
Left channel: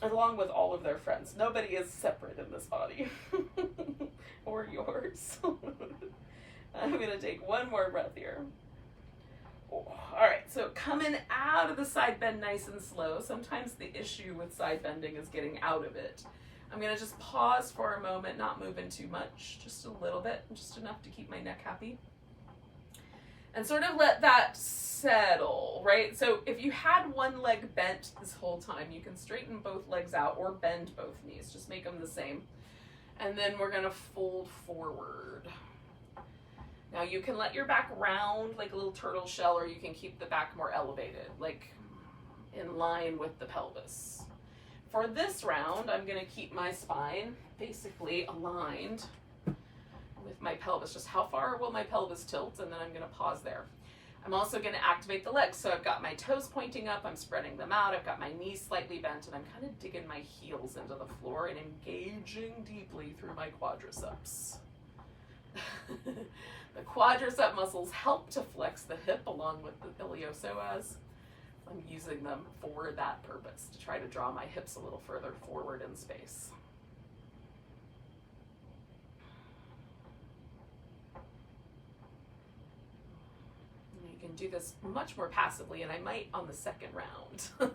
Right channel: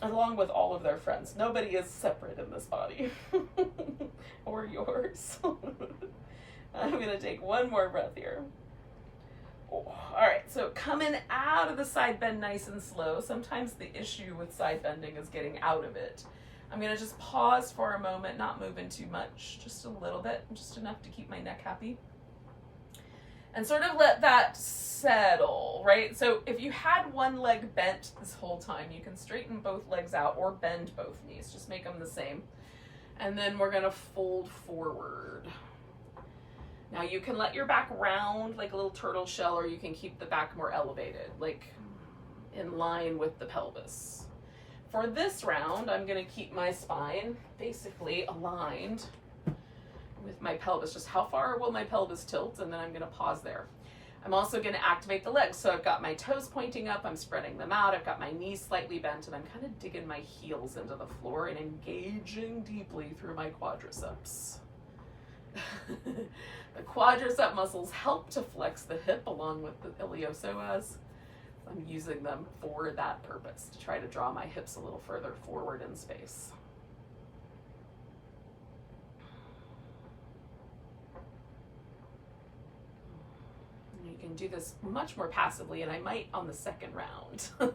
along with all of their friends. Nobody is separate in this body. Or yours. I'm gonna take one more breath here. Oh, all right, so coming out of the side bend nice and slow. Sometimes the issue with side bending is getting out of it. I'm gonna just pause for a moment, not moving too much, just a little bit, just enough to keep my neck happy. And sort of let that settle, right? So if you had one leg bent this whole time, you can straighten both legs out or bend both knees, just make them the same. And then we're gonna fold forward. Now you can let your back round like a little turtle shell, or you can keep the back more elevated, like in line with the pelvis. For this round, I'm gonna keep my spine basically aligned with my pelvis. Just how far will my pelvis tilt, and then I'm gonna pause there. I'm also gonna activate the legs. So I've got my toes pointing up, I'm spreading them out, I've got my knees slightly bent, and I'm kind of digging my heels into the floor and engaging deeply through my quadriceps. The quadricep muscles help to flex the hip along with the iliopsoas. I'm using them for that purpose, to try to draw my hips a little further forward in space. You can do this much more passively, and I might on the second round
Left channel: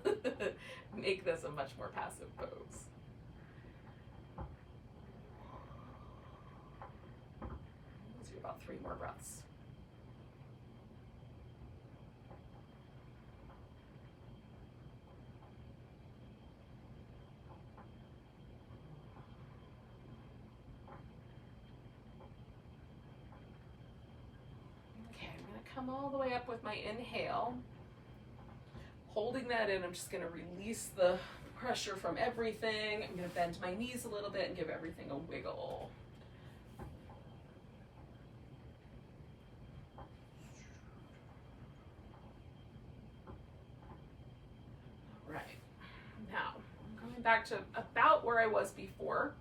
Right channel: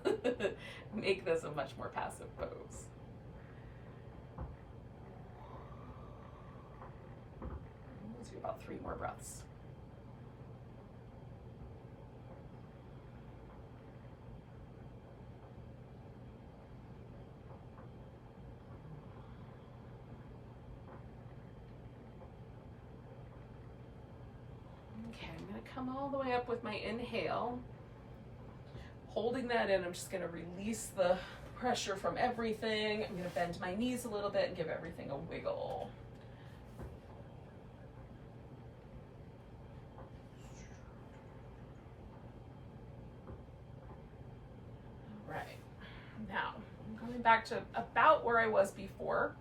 make this a much more passive pose. Let's do about 3 more breaths. Come all the way up with my inhale. Holding that in, I'm just going to release the pressure from everything. I'm going to bend my knees a little bit and give everything a wiggle. All right. Now, I'm going back to about where I was before.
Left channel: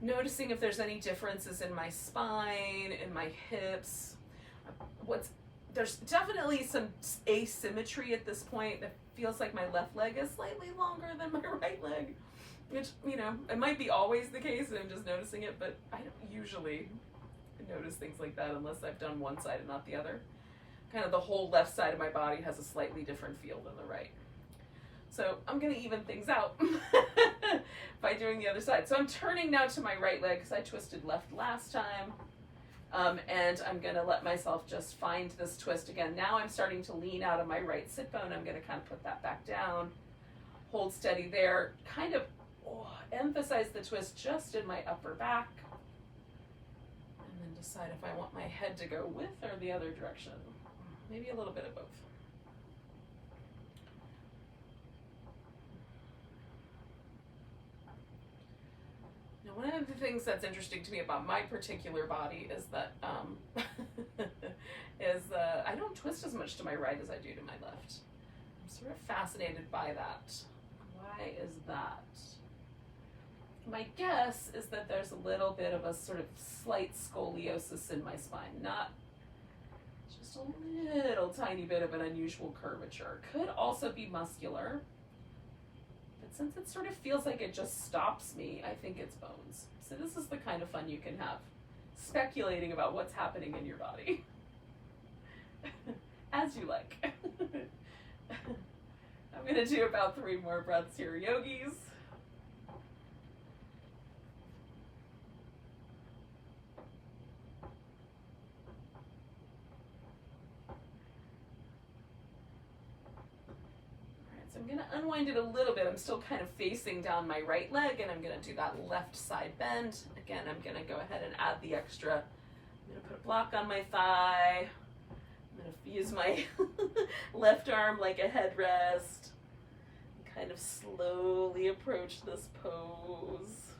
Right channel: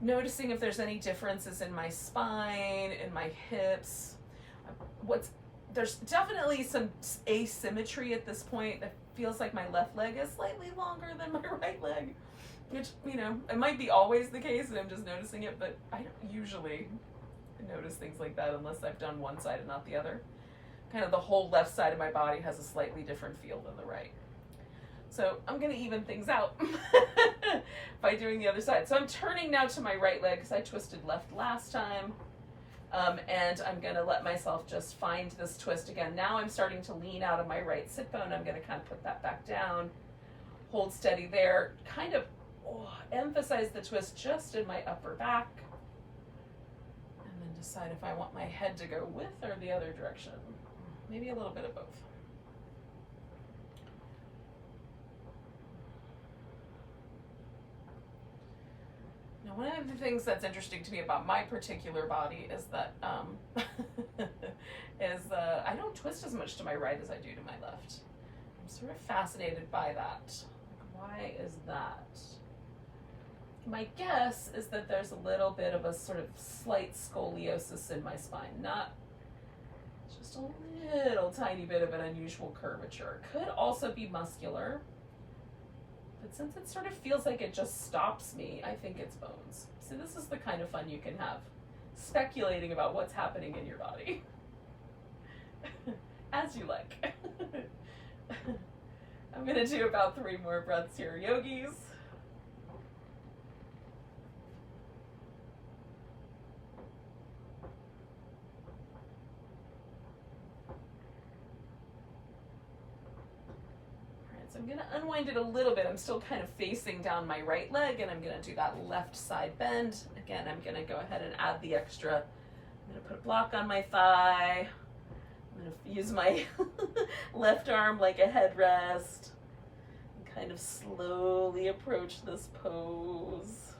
Noticing if there's any differences in my spine, in my hips. There's definitely some asymmetry at this point. It feels like my left leg is slightly longer than my right leg, which, you know, it might be always the case and I'm just noticing it, but I don't usually notice things like that unless I've done one side and not the other. Kind of the whole left side of my body has a slightly different feel than the right. So I'm gonna even things out by doing the other side. So I'm turning now to my right leg because I twisted left last time. And I'm going to let myself just find this twist again. Now I'm starting to lean out of my right sit bone. I'm going to kind of put that back down, hold steady there, kind of emphasize the twist just in my upper back, and then decide if I want my head to go with or the other direction. Maybe a little bit of both. One of the things that's interesting to me about my particular body is that I don't twist as much to my right as I do to my left. I'm sort of fascinated by that. Why is that? My guess is that there's a little bit of a sort of slight scoliosis in my spine, not just a little tiny bit of an unusual curvature. Could also be muscular. Since it sort of feels like it just stops me, I think it's bones. So this is the kind of fun you can have, speculating about what's happening in your body. As you like. I'm gonna do about 3 more breaths here, yogis. I'm going to unwind it a little bit. I'm still kind of facing down my right leg, and I'm going to do that left side bend. Again, I'm going to go ahead and add the extra. I'm going to put a block on my thigh. I'm going to use my left arm like a headrest. And kind of slowly approach this pose.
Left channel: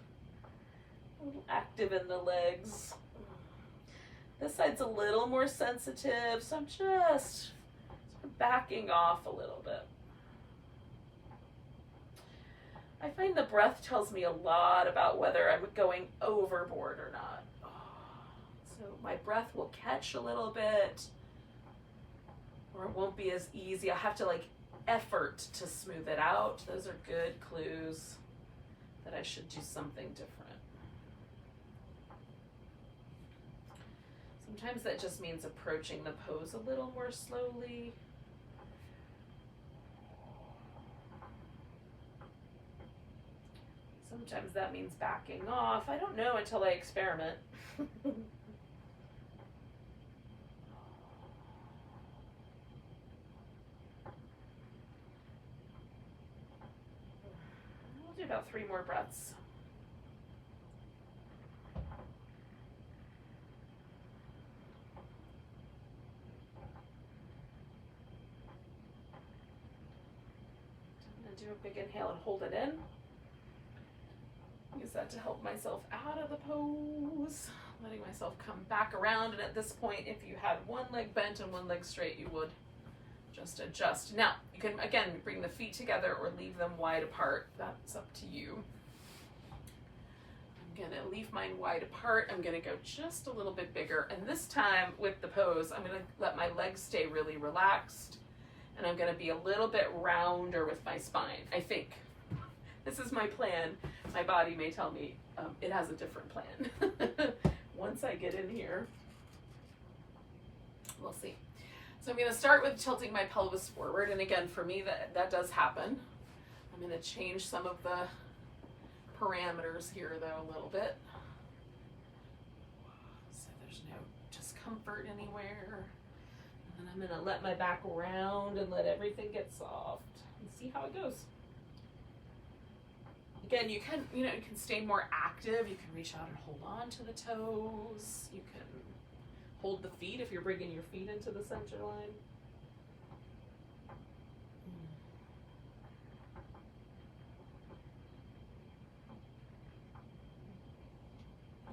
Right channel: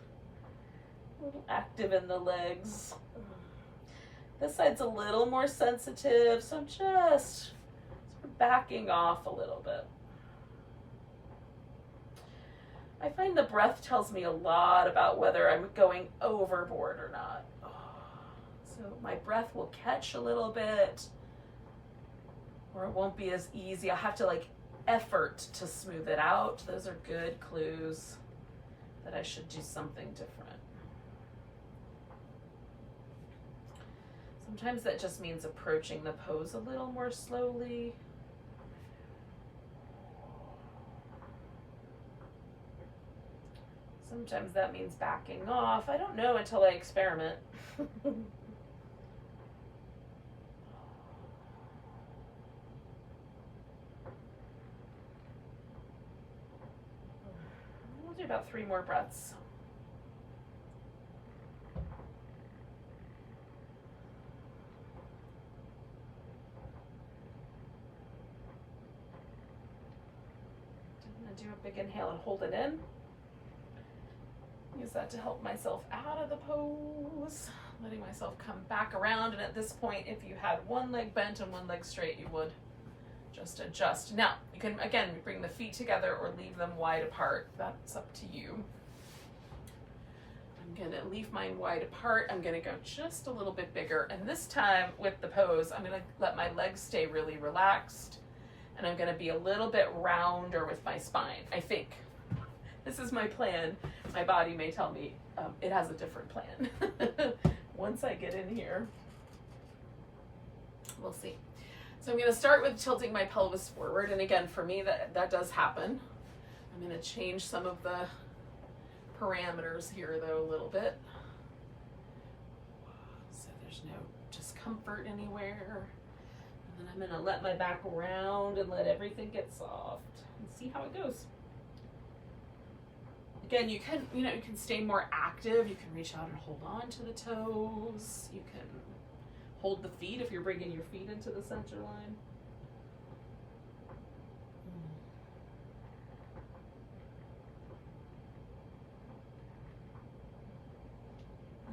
A little active in the legs. This side's a little more sensitive, so I'm just sort of backing off a little bit. I find the breath tells me a lot about whether I'm going overboard or not. So my breath will catch a little bit, or it won't be as easy. I have to like effort to smooth it out. Those are good clues that I should do something different. Sometimes that just means approaching the pose a little more slowly. Sometimes that means backing off. I don't know until I experiment. We'll do about 3 more breaths. I'm going to do a big inhale and hold it in. Use that to help myself out of the pose, letting myself come back around. And at this point, if you had one leg bent and one leg straight, you would just adjust. Now, you can, again, bring the feet together or leave them wide apart. That's up to you. I'm gonna leave mine wide apart. I'm gonna go just a little bit bigger. And this time with the pose, I'm gonna let my legs stay really relaxed. And I'm gonna be a little bit rounder with my spine, I think. This is my plan. My body may tell me it has a different plan. Once I get in here, we'll see. So I'm gonna start with tilting my pelvis forward. And again, for me, that does happen. I'm gonna change some of the parameters here though a little bit. So there's no discomfort anywhere. And then I'm gonna let my back round and let everything get soft and see how it goes. Again, you can stay more active. You can reach out and hold on to the toes. You can hold the feet if you're bringing your feet into the center line.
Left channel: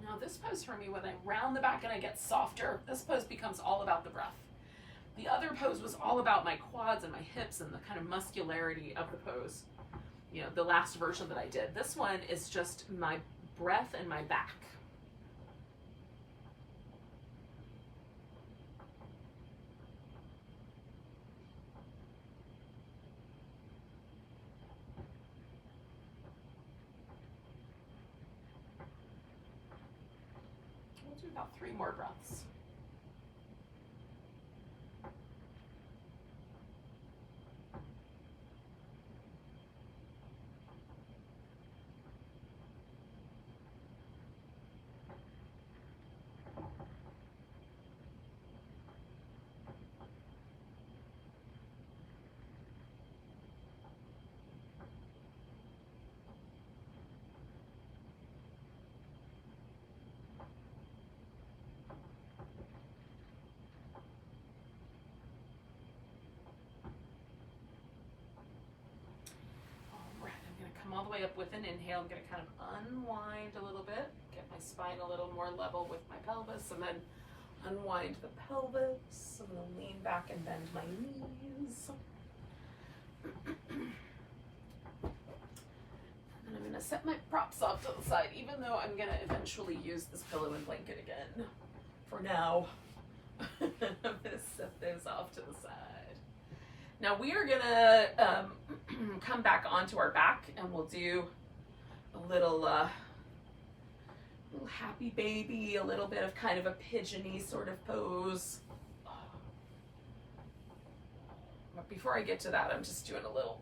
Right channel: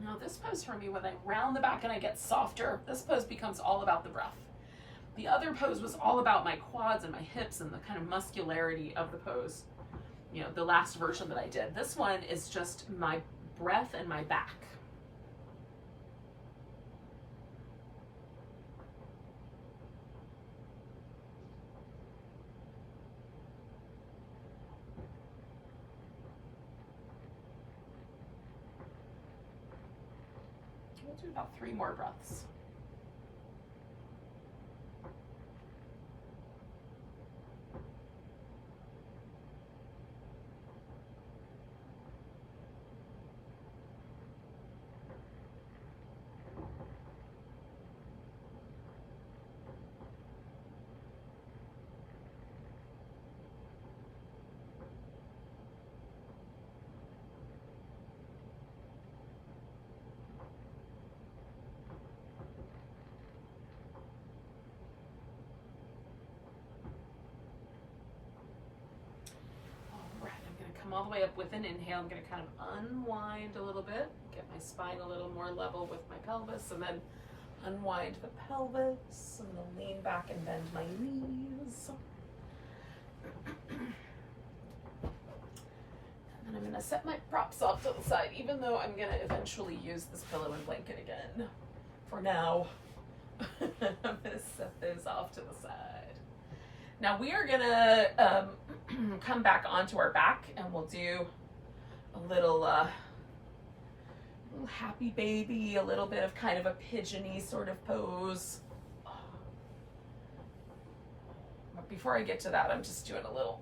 Now this pose for me, when I round the back and I get softer, this pose becomes all about the breath. The other pose was all about my quads and my hips and the kind of muscularity of the pose. You know, the last version that I did. This one is just my breath and my back. We'll do about 3 more breaths. All the way up with an inhale. I'm going to kind of unwind a little bit, get my spine a little more level with my pelvis, and then unwind the pelvis. I'm going to lean back and bend my knees. And then I'm going to set my props off to the side, even though I'm going to eventually use this pillow and blanket again. For now, I'm going to set those off to the side. Now we are gonna come back onto our back and we'll do a little happy baby, a little bit of kind of a pigeony sort of pose. But before I get to that, I'm just doing a little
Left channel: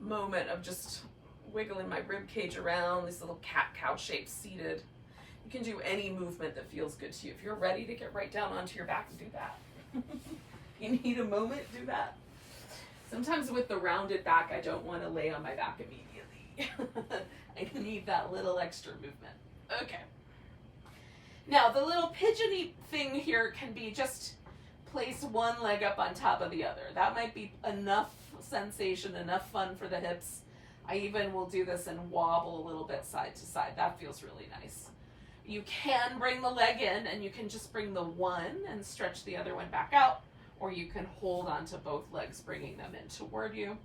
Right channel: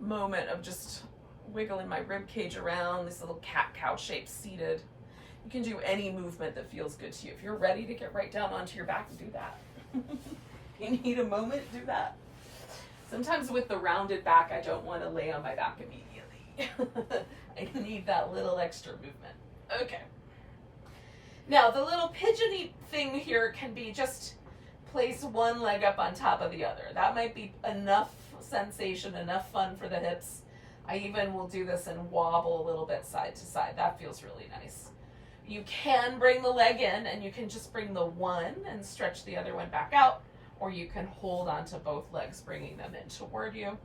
moment of just wiggling my rib cage around, this little cat-cow shape seated. You can do any movement that feels good to you. If you're ready to get right down onto your back, do that. You need a moment, do that. Sometimes with the rounded back, I don't want to lay on my back immediately. I need that little extra movement. Okay. Now, the little pigeony thing here can be just place one leg up on top of the other. That might be enough sensation, enough fun for the hips. I even will do this and wobble a little bit side to side. That feels really nice. You can bring the leg in and you can just bring the one and stretch the other one back out. Or you can hold onto both legs, bringing them in toward you.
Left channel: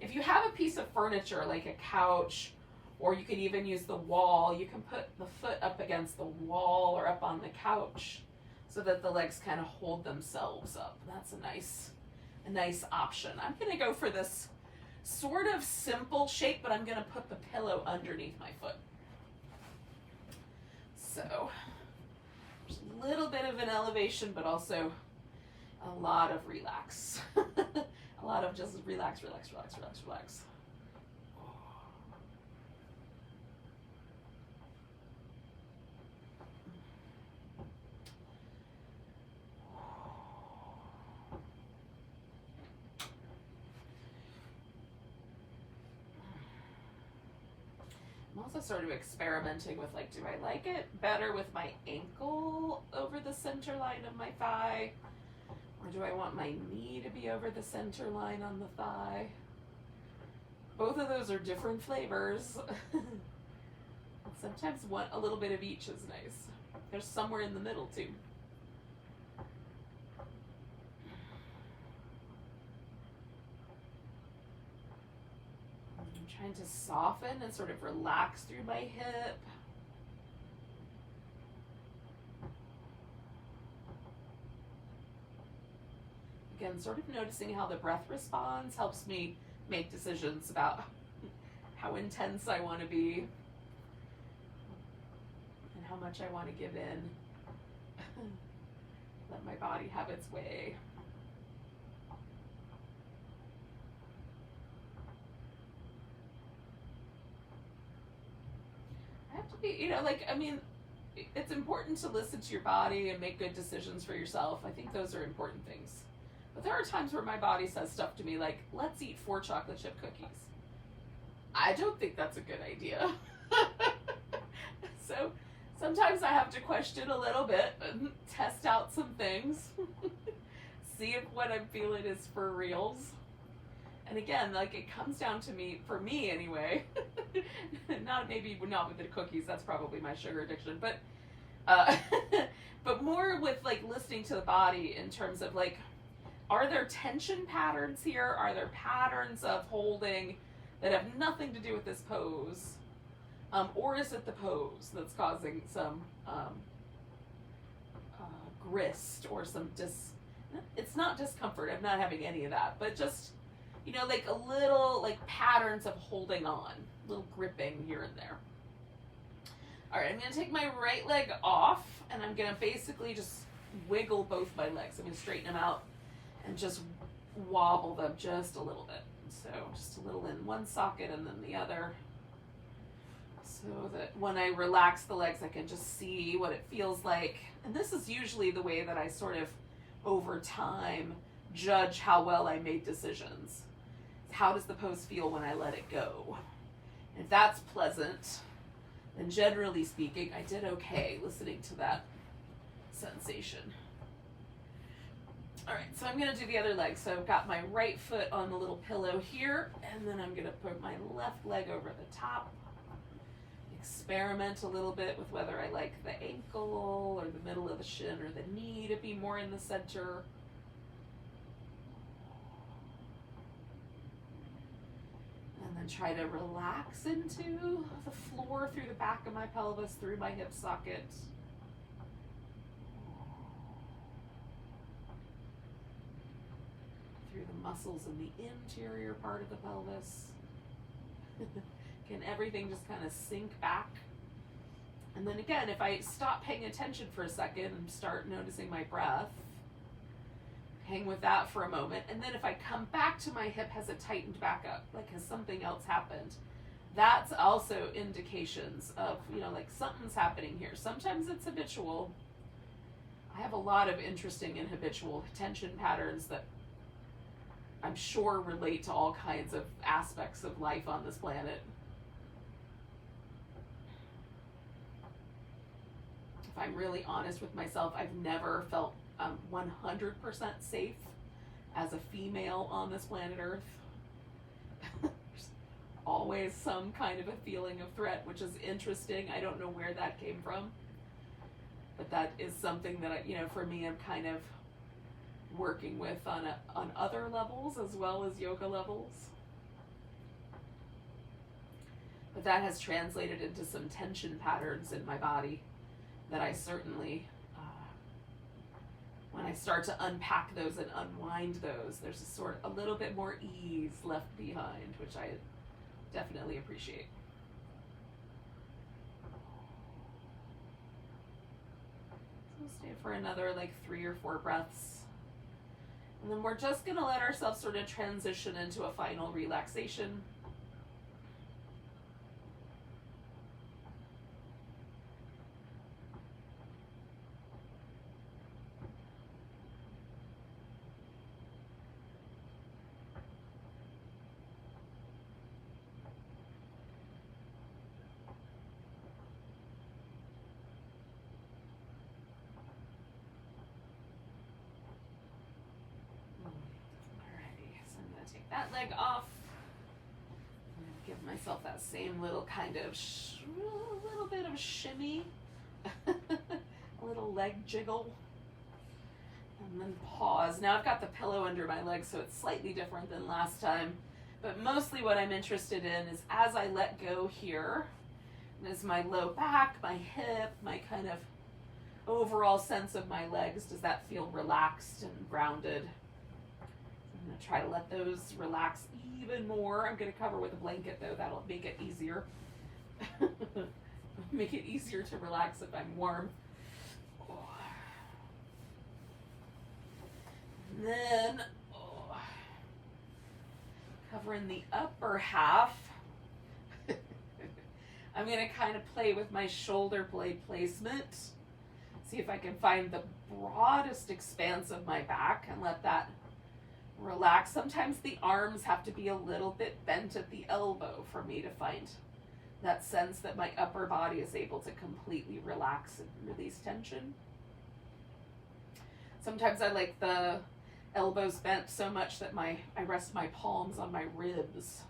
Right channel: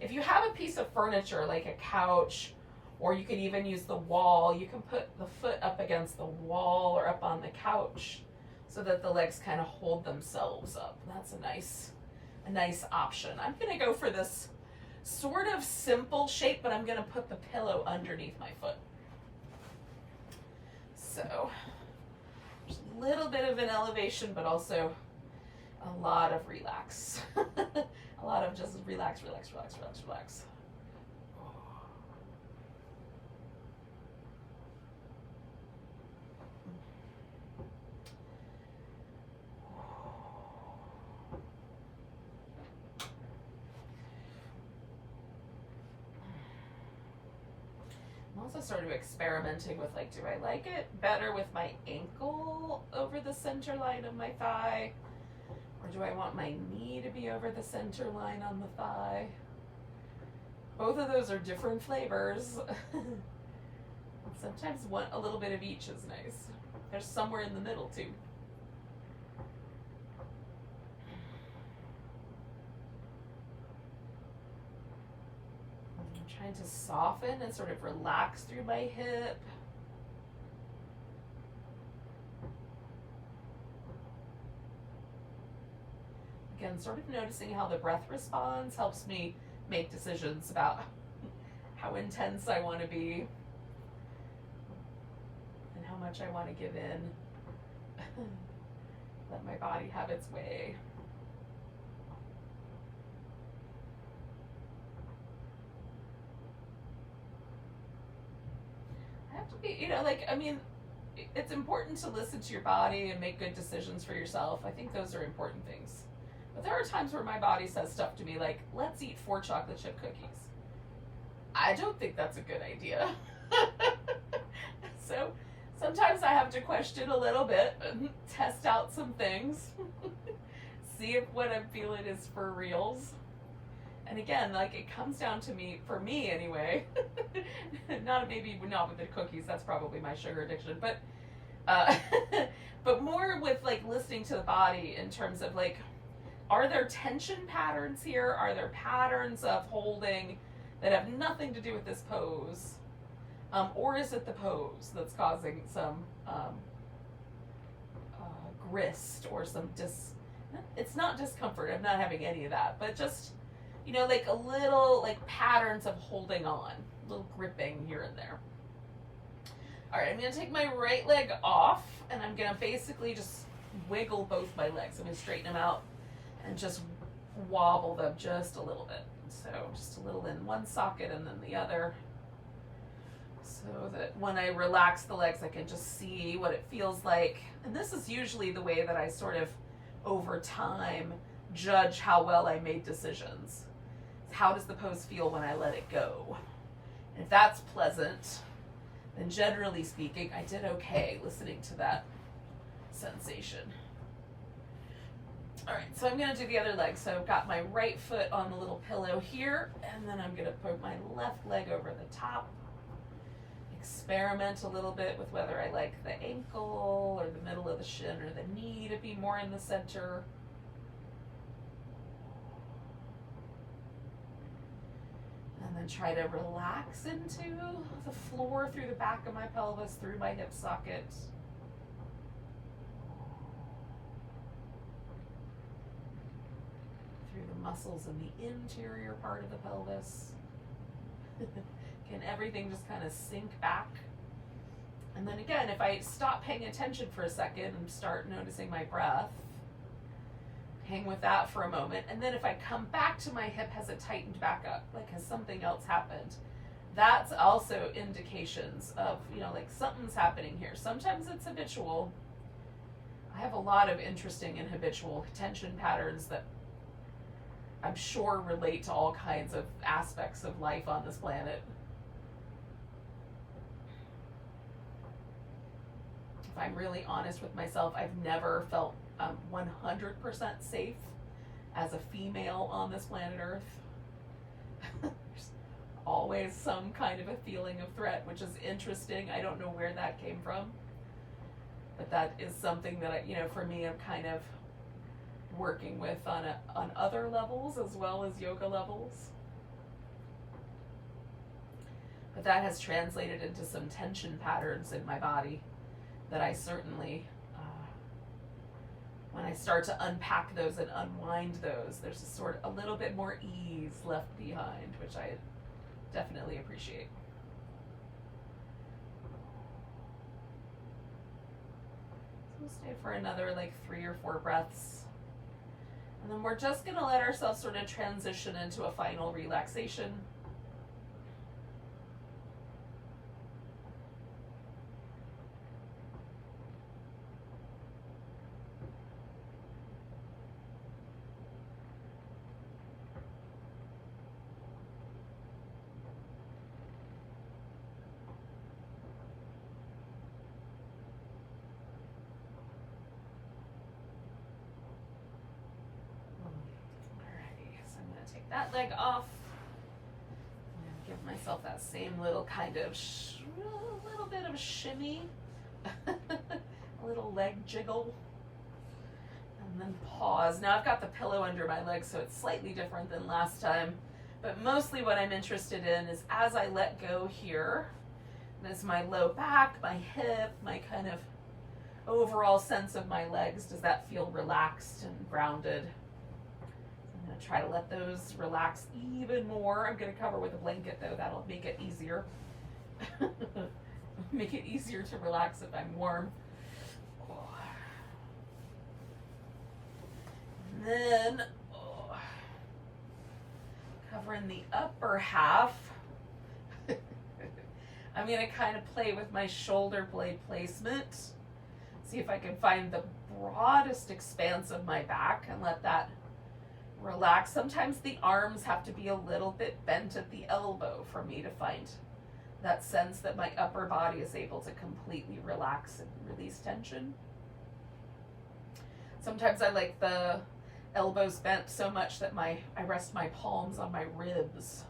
If you have a piece of furniture like a couch, or you could even use the wall, you can put the foot up against the wall or up on the couch so that the legs kind of hold themselves up. That's a nice option. I'm gonna go for this sort of simple shape, but I'm gonna put the pillow underneath my foot. So there's a little bit of an elevation, but also a lot of relax. A lot of just relax, relax, relax, relax, relax. I'm also sort of experimenting with, like, do I like it better with my ankle over the center line of my thigh? Or do I want my knee to be over the center line on the thigh? Both of those are different flavors. Sometimes a little bit of each is nice. There's somewhere in the middle too. I'm trying to soften and sort of relax through my hip. Again, sort of noticing how the breath responds helps me make decisions about how intense I want to be and how much I want to give in. Let my body have its way. I have to be, it's important to listen to your body and make good decisions for yourself. I think those are important things. But there are times where my body says stuff to me like, let's eat 4 chocolate chip cookies. I don't think that's a good idea. So sometimes I have to question a little bit and test out some things. See if what I'm feeling is for reals. And again, like, it comes down to me, for me anyway, not with the cookies, that's probably my sugar addiction, but but more with, like, listening to the body in terms of, like, are there tension patterns here? Are there patterns of holding that have nothing to do with this pose? Or is it the pose that's causing some grist or some it's not discomfort, I'm not having any of that, but just, like a little, like, patterns of holding on, little gripping here and there. All right, I'm gonna take my right leg off and I'm gonna basically just wiggle both my legs. I'm gonna straighten them out and just wobble them just a little bit. So just a little in one socket and then the other, so that when I relax the legs, I can just see what it feels like. And this is usually the way that I sort of, over time, judge how well I made decisions. How does the pose feel when I let it go? And if that's pleasant, then generally speaking, I did okay listening to that sensation. All right, so I'm gonna do the other leg. So I've got my right foot on the little pillow here, and then I'm gonna put my left leg over the top. Experiment a little bit with whether I like the ankle or the middle of the shin or the knee to be more in the center. And then try to relax into the floor through the back of my pelvis, through my hip socket. Through the muscles in the interior part of the pelvis. Can everything just kind of sink back? And then again, if I stop paying attention for a second and start noticing my breath, hang with that for a moment. And then if I come back to my hip, has it tightened back up? Like, has something else happened? That's also indications of, like, something's happening here. Sometimes it's habitual. I have a lot of interesting and habitual tension patterns that I'm sure relate to all kinds of aspects of life on this planet. If I'm really honest with myself, I've never felt 100% safe as a female on this planet Earth. There's always some kind of a feeling of threat, which is interesting. I don't know where that came from, but that is something that I, for me, I'm kind of working with on other levels as well as yoga levels. But that has translated into some tension patterns in my body that I certainly, when I start to unpack those and unwind those, there's a little bit more ease left behind, which I definitely appreciate. So we'll stay for another like 3 or 4 breaths. And then we're just gonna let ourselves sort of transition into a final relaxation. That leg off. I'm going to give myself that same little kind of, little bit of shimmy, a little leg jiggle, and then pause. Now I've got the pillow under my leg, so it's slightly different than last time, but mostly what I'm interested in is as I let go here, and as my low back, my hip, my kind of overall sense of my legs, does that feel relaxed and grounded? I'm going to try to let those relax even more. I'm going to cover with a blanket though. That'll make it easier. Make it easier to relax if I'm warm. And then covering the upper half. I'm going to kind of play with my shoulder blade placement. See if I can find the broadest expanse of my back and let that relax. Sometimes the arms have to be a little bit bent at the elbow for me to find that sense that my upper body is able to completely relax and release tension. Sometimes I like the elbows bent so much that I rest my palms on my ribs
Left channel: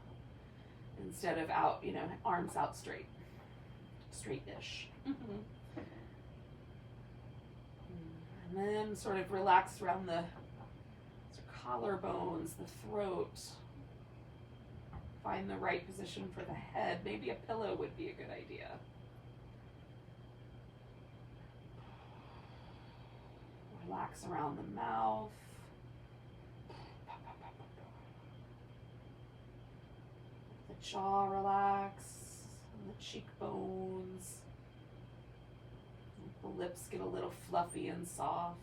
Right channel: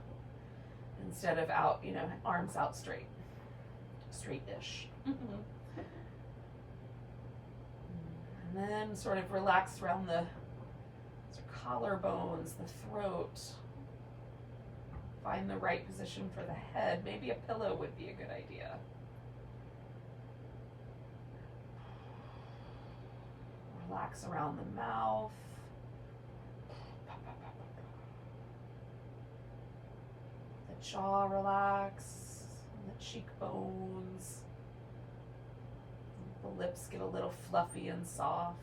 instead of out, arms out straight-ish. And then sort of relax around the collarbones, the throat. Find the right position for the head. Maybe a pillow would be a good idea. Relax around the mouth. The jaw relax. The cheekbones. The lips get a little fluffy and soft.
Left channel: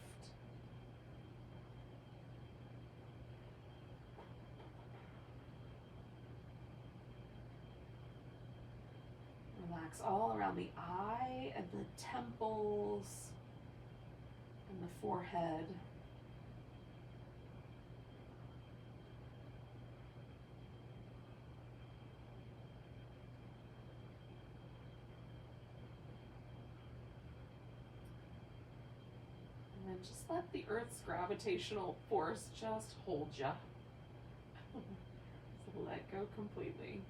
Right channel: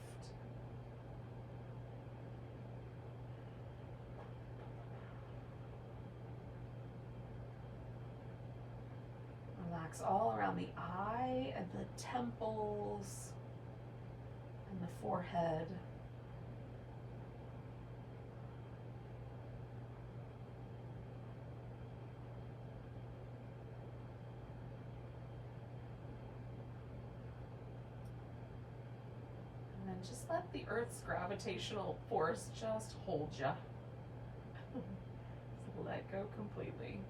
Relax all around the eye and the temples and the forehead. And then just let the Earth's gravitational force just hold you. So let go completely.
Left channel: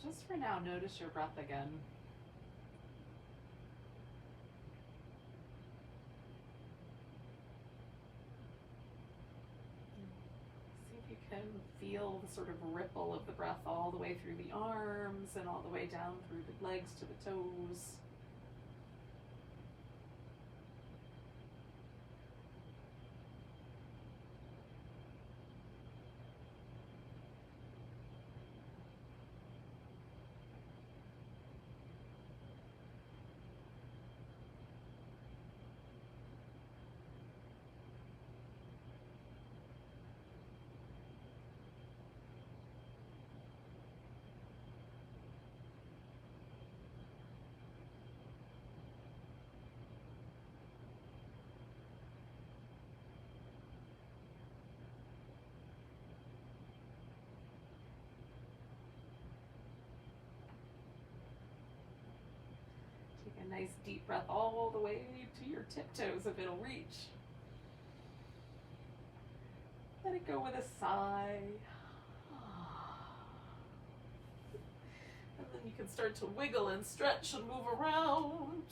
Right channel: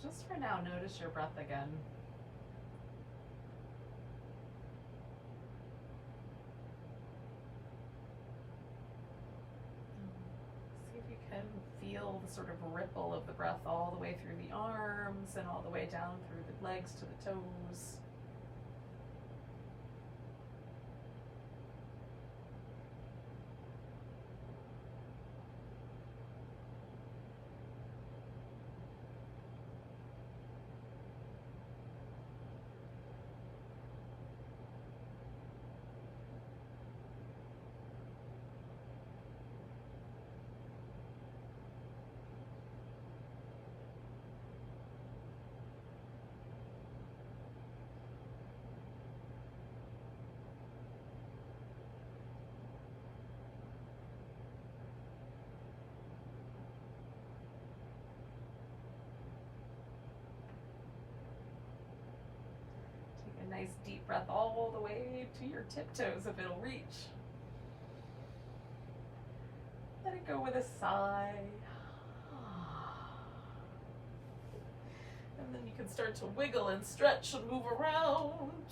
So just for now, notice your breath again. See if you can feel the sort of ripple of the breath all the way through the arms and all the way down through the legs to the toes. Take a nice deep breath all the way to your tiptoes if it'll reach. Let it go with a sigh. And then you can start to wiggle and stretch and move around.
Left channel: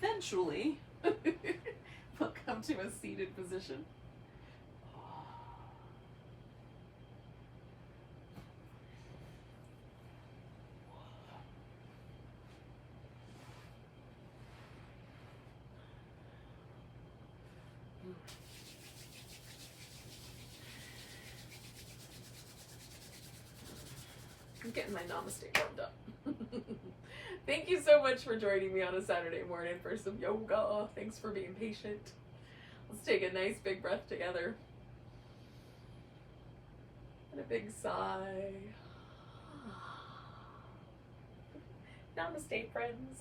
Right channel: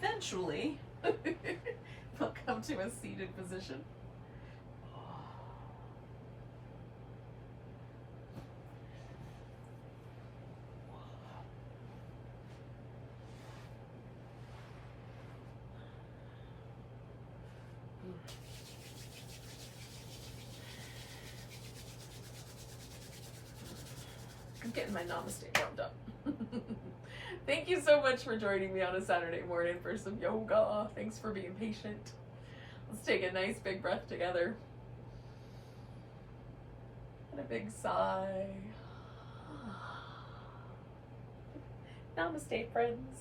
Eventually, we'll come to a seated position. I'm getting my Namaste warmed up. Thank you so much for joining me on a Saturday morning for some yoga. Thanks for being patient. Let's take a nice big breath together. And a big sigh. Namaste, friends.